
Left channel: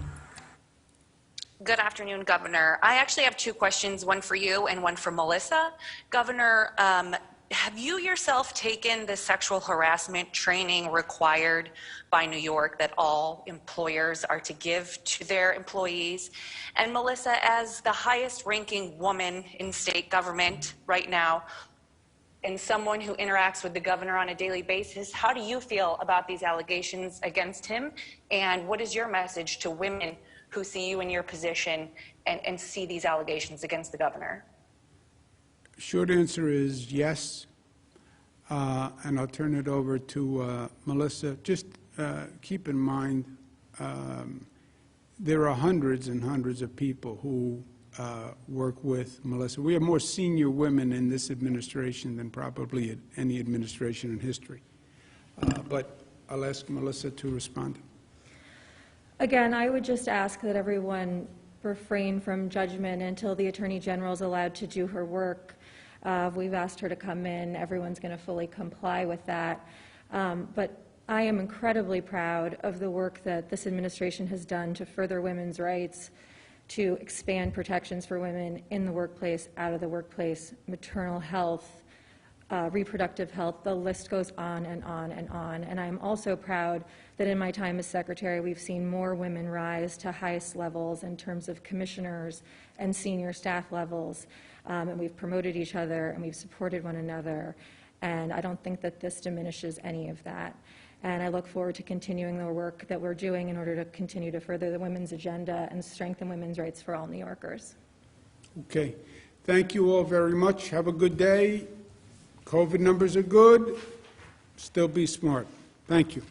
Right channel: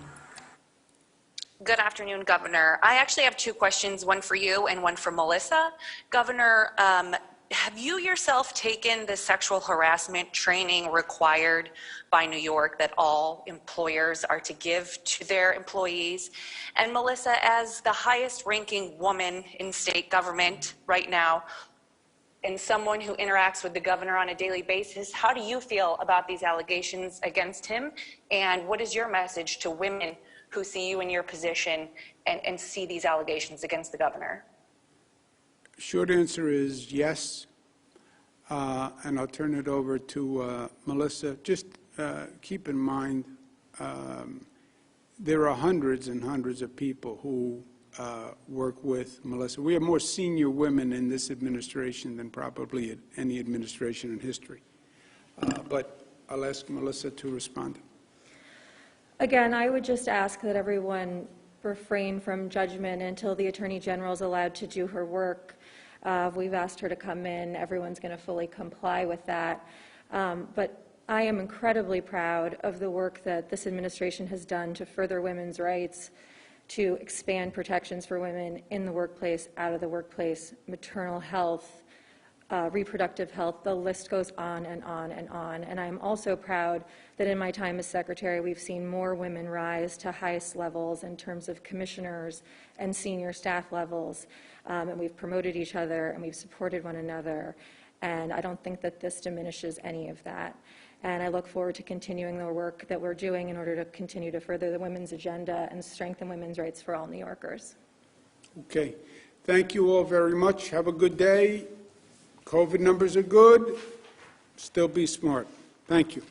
Good afternoon, Governor. I actually have two questions, one for you and one for Melissa. Governor, have you yourself taken the sexual harassment training required by New York that all employers are to give to their employees? And Melissa, as the highest ranking woman in state government right now, and someone who interacts with the governor on a daily basis, how do you feel about these allegations against him? And what is your message to women who see you in your position and see these allegations against the governor? Short answer is yes, and I'll turn it over to Melissa. Just keep in mind, there are hundreds and hundreds of people who work with Melissa. We have more senior women in this administration than probably any administration in history. But I'll ask Melissa to respond. Again, I would just ask that everyone refrain from judgment until the Attorney General is allowed to do her work. We've asked her to come in. Everyone's going to fully comply with that. But I am incredibly proud of the work that this administration has done to further women's rights, to expand protections for women in the workplace, out of the workplace, maternal health, reproductive health. The list goes on and on and on. And I'm also proud that in my time as secretary, we've seen more women rise to highest levels in terms of commissioners and senior staff levels. And we've promoted each other and we've supported one another. And I don't think that this diminishes any of that. And I look forward to continuing the work that we're doing in order to continue to further the women's agenda and strengthen women's rights for all New Yorkers. Okay. Thank you all very much. Have a good day. COVID numbers are good. Still be smart. Thank you.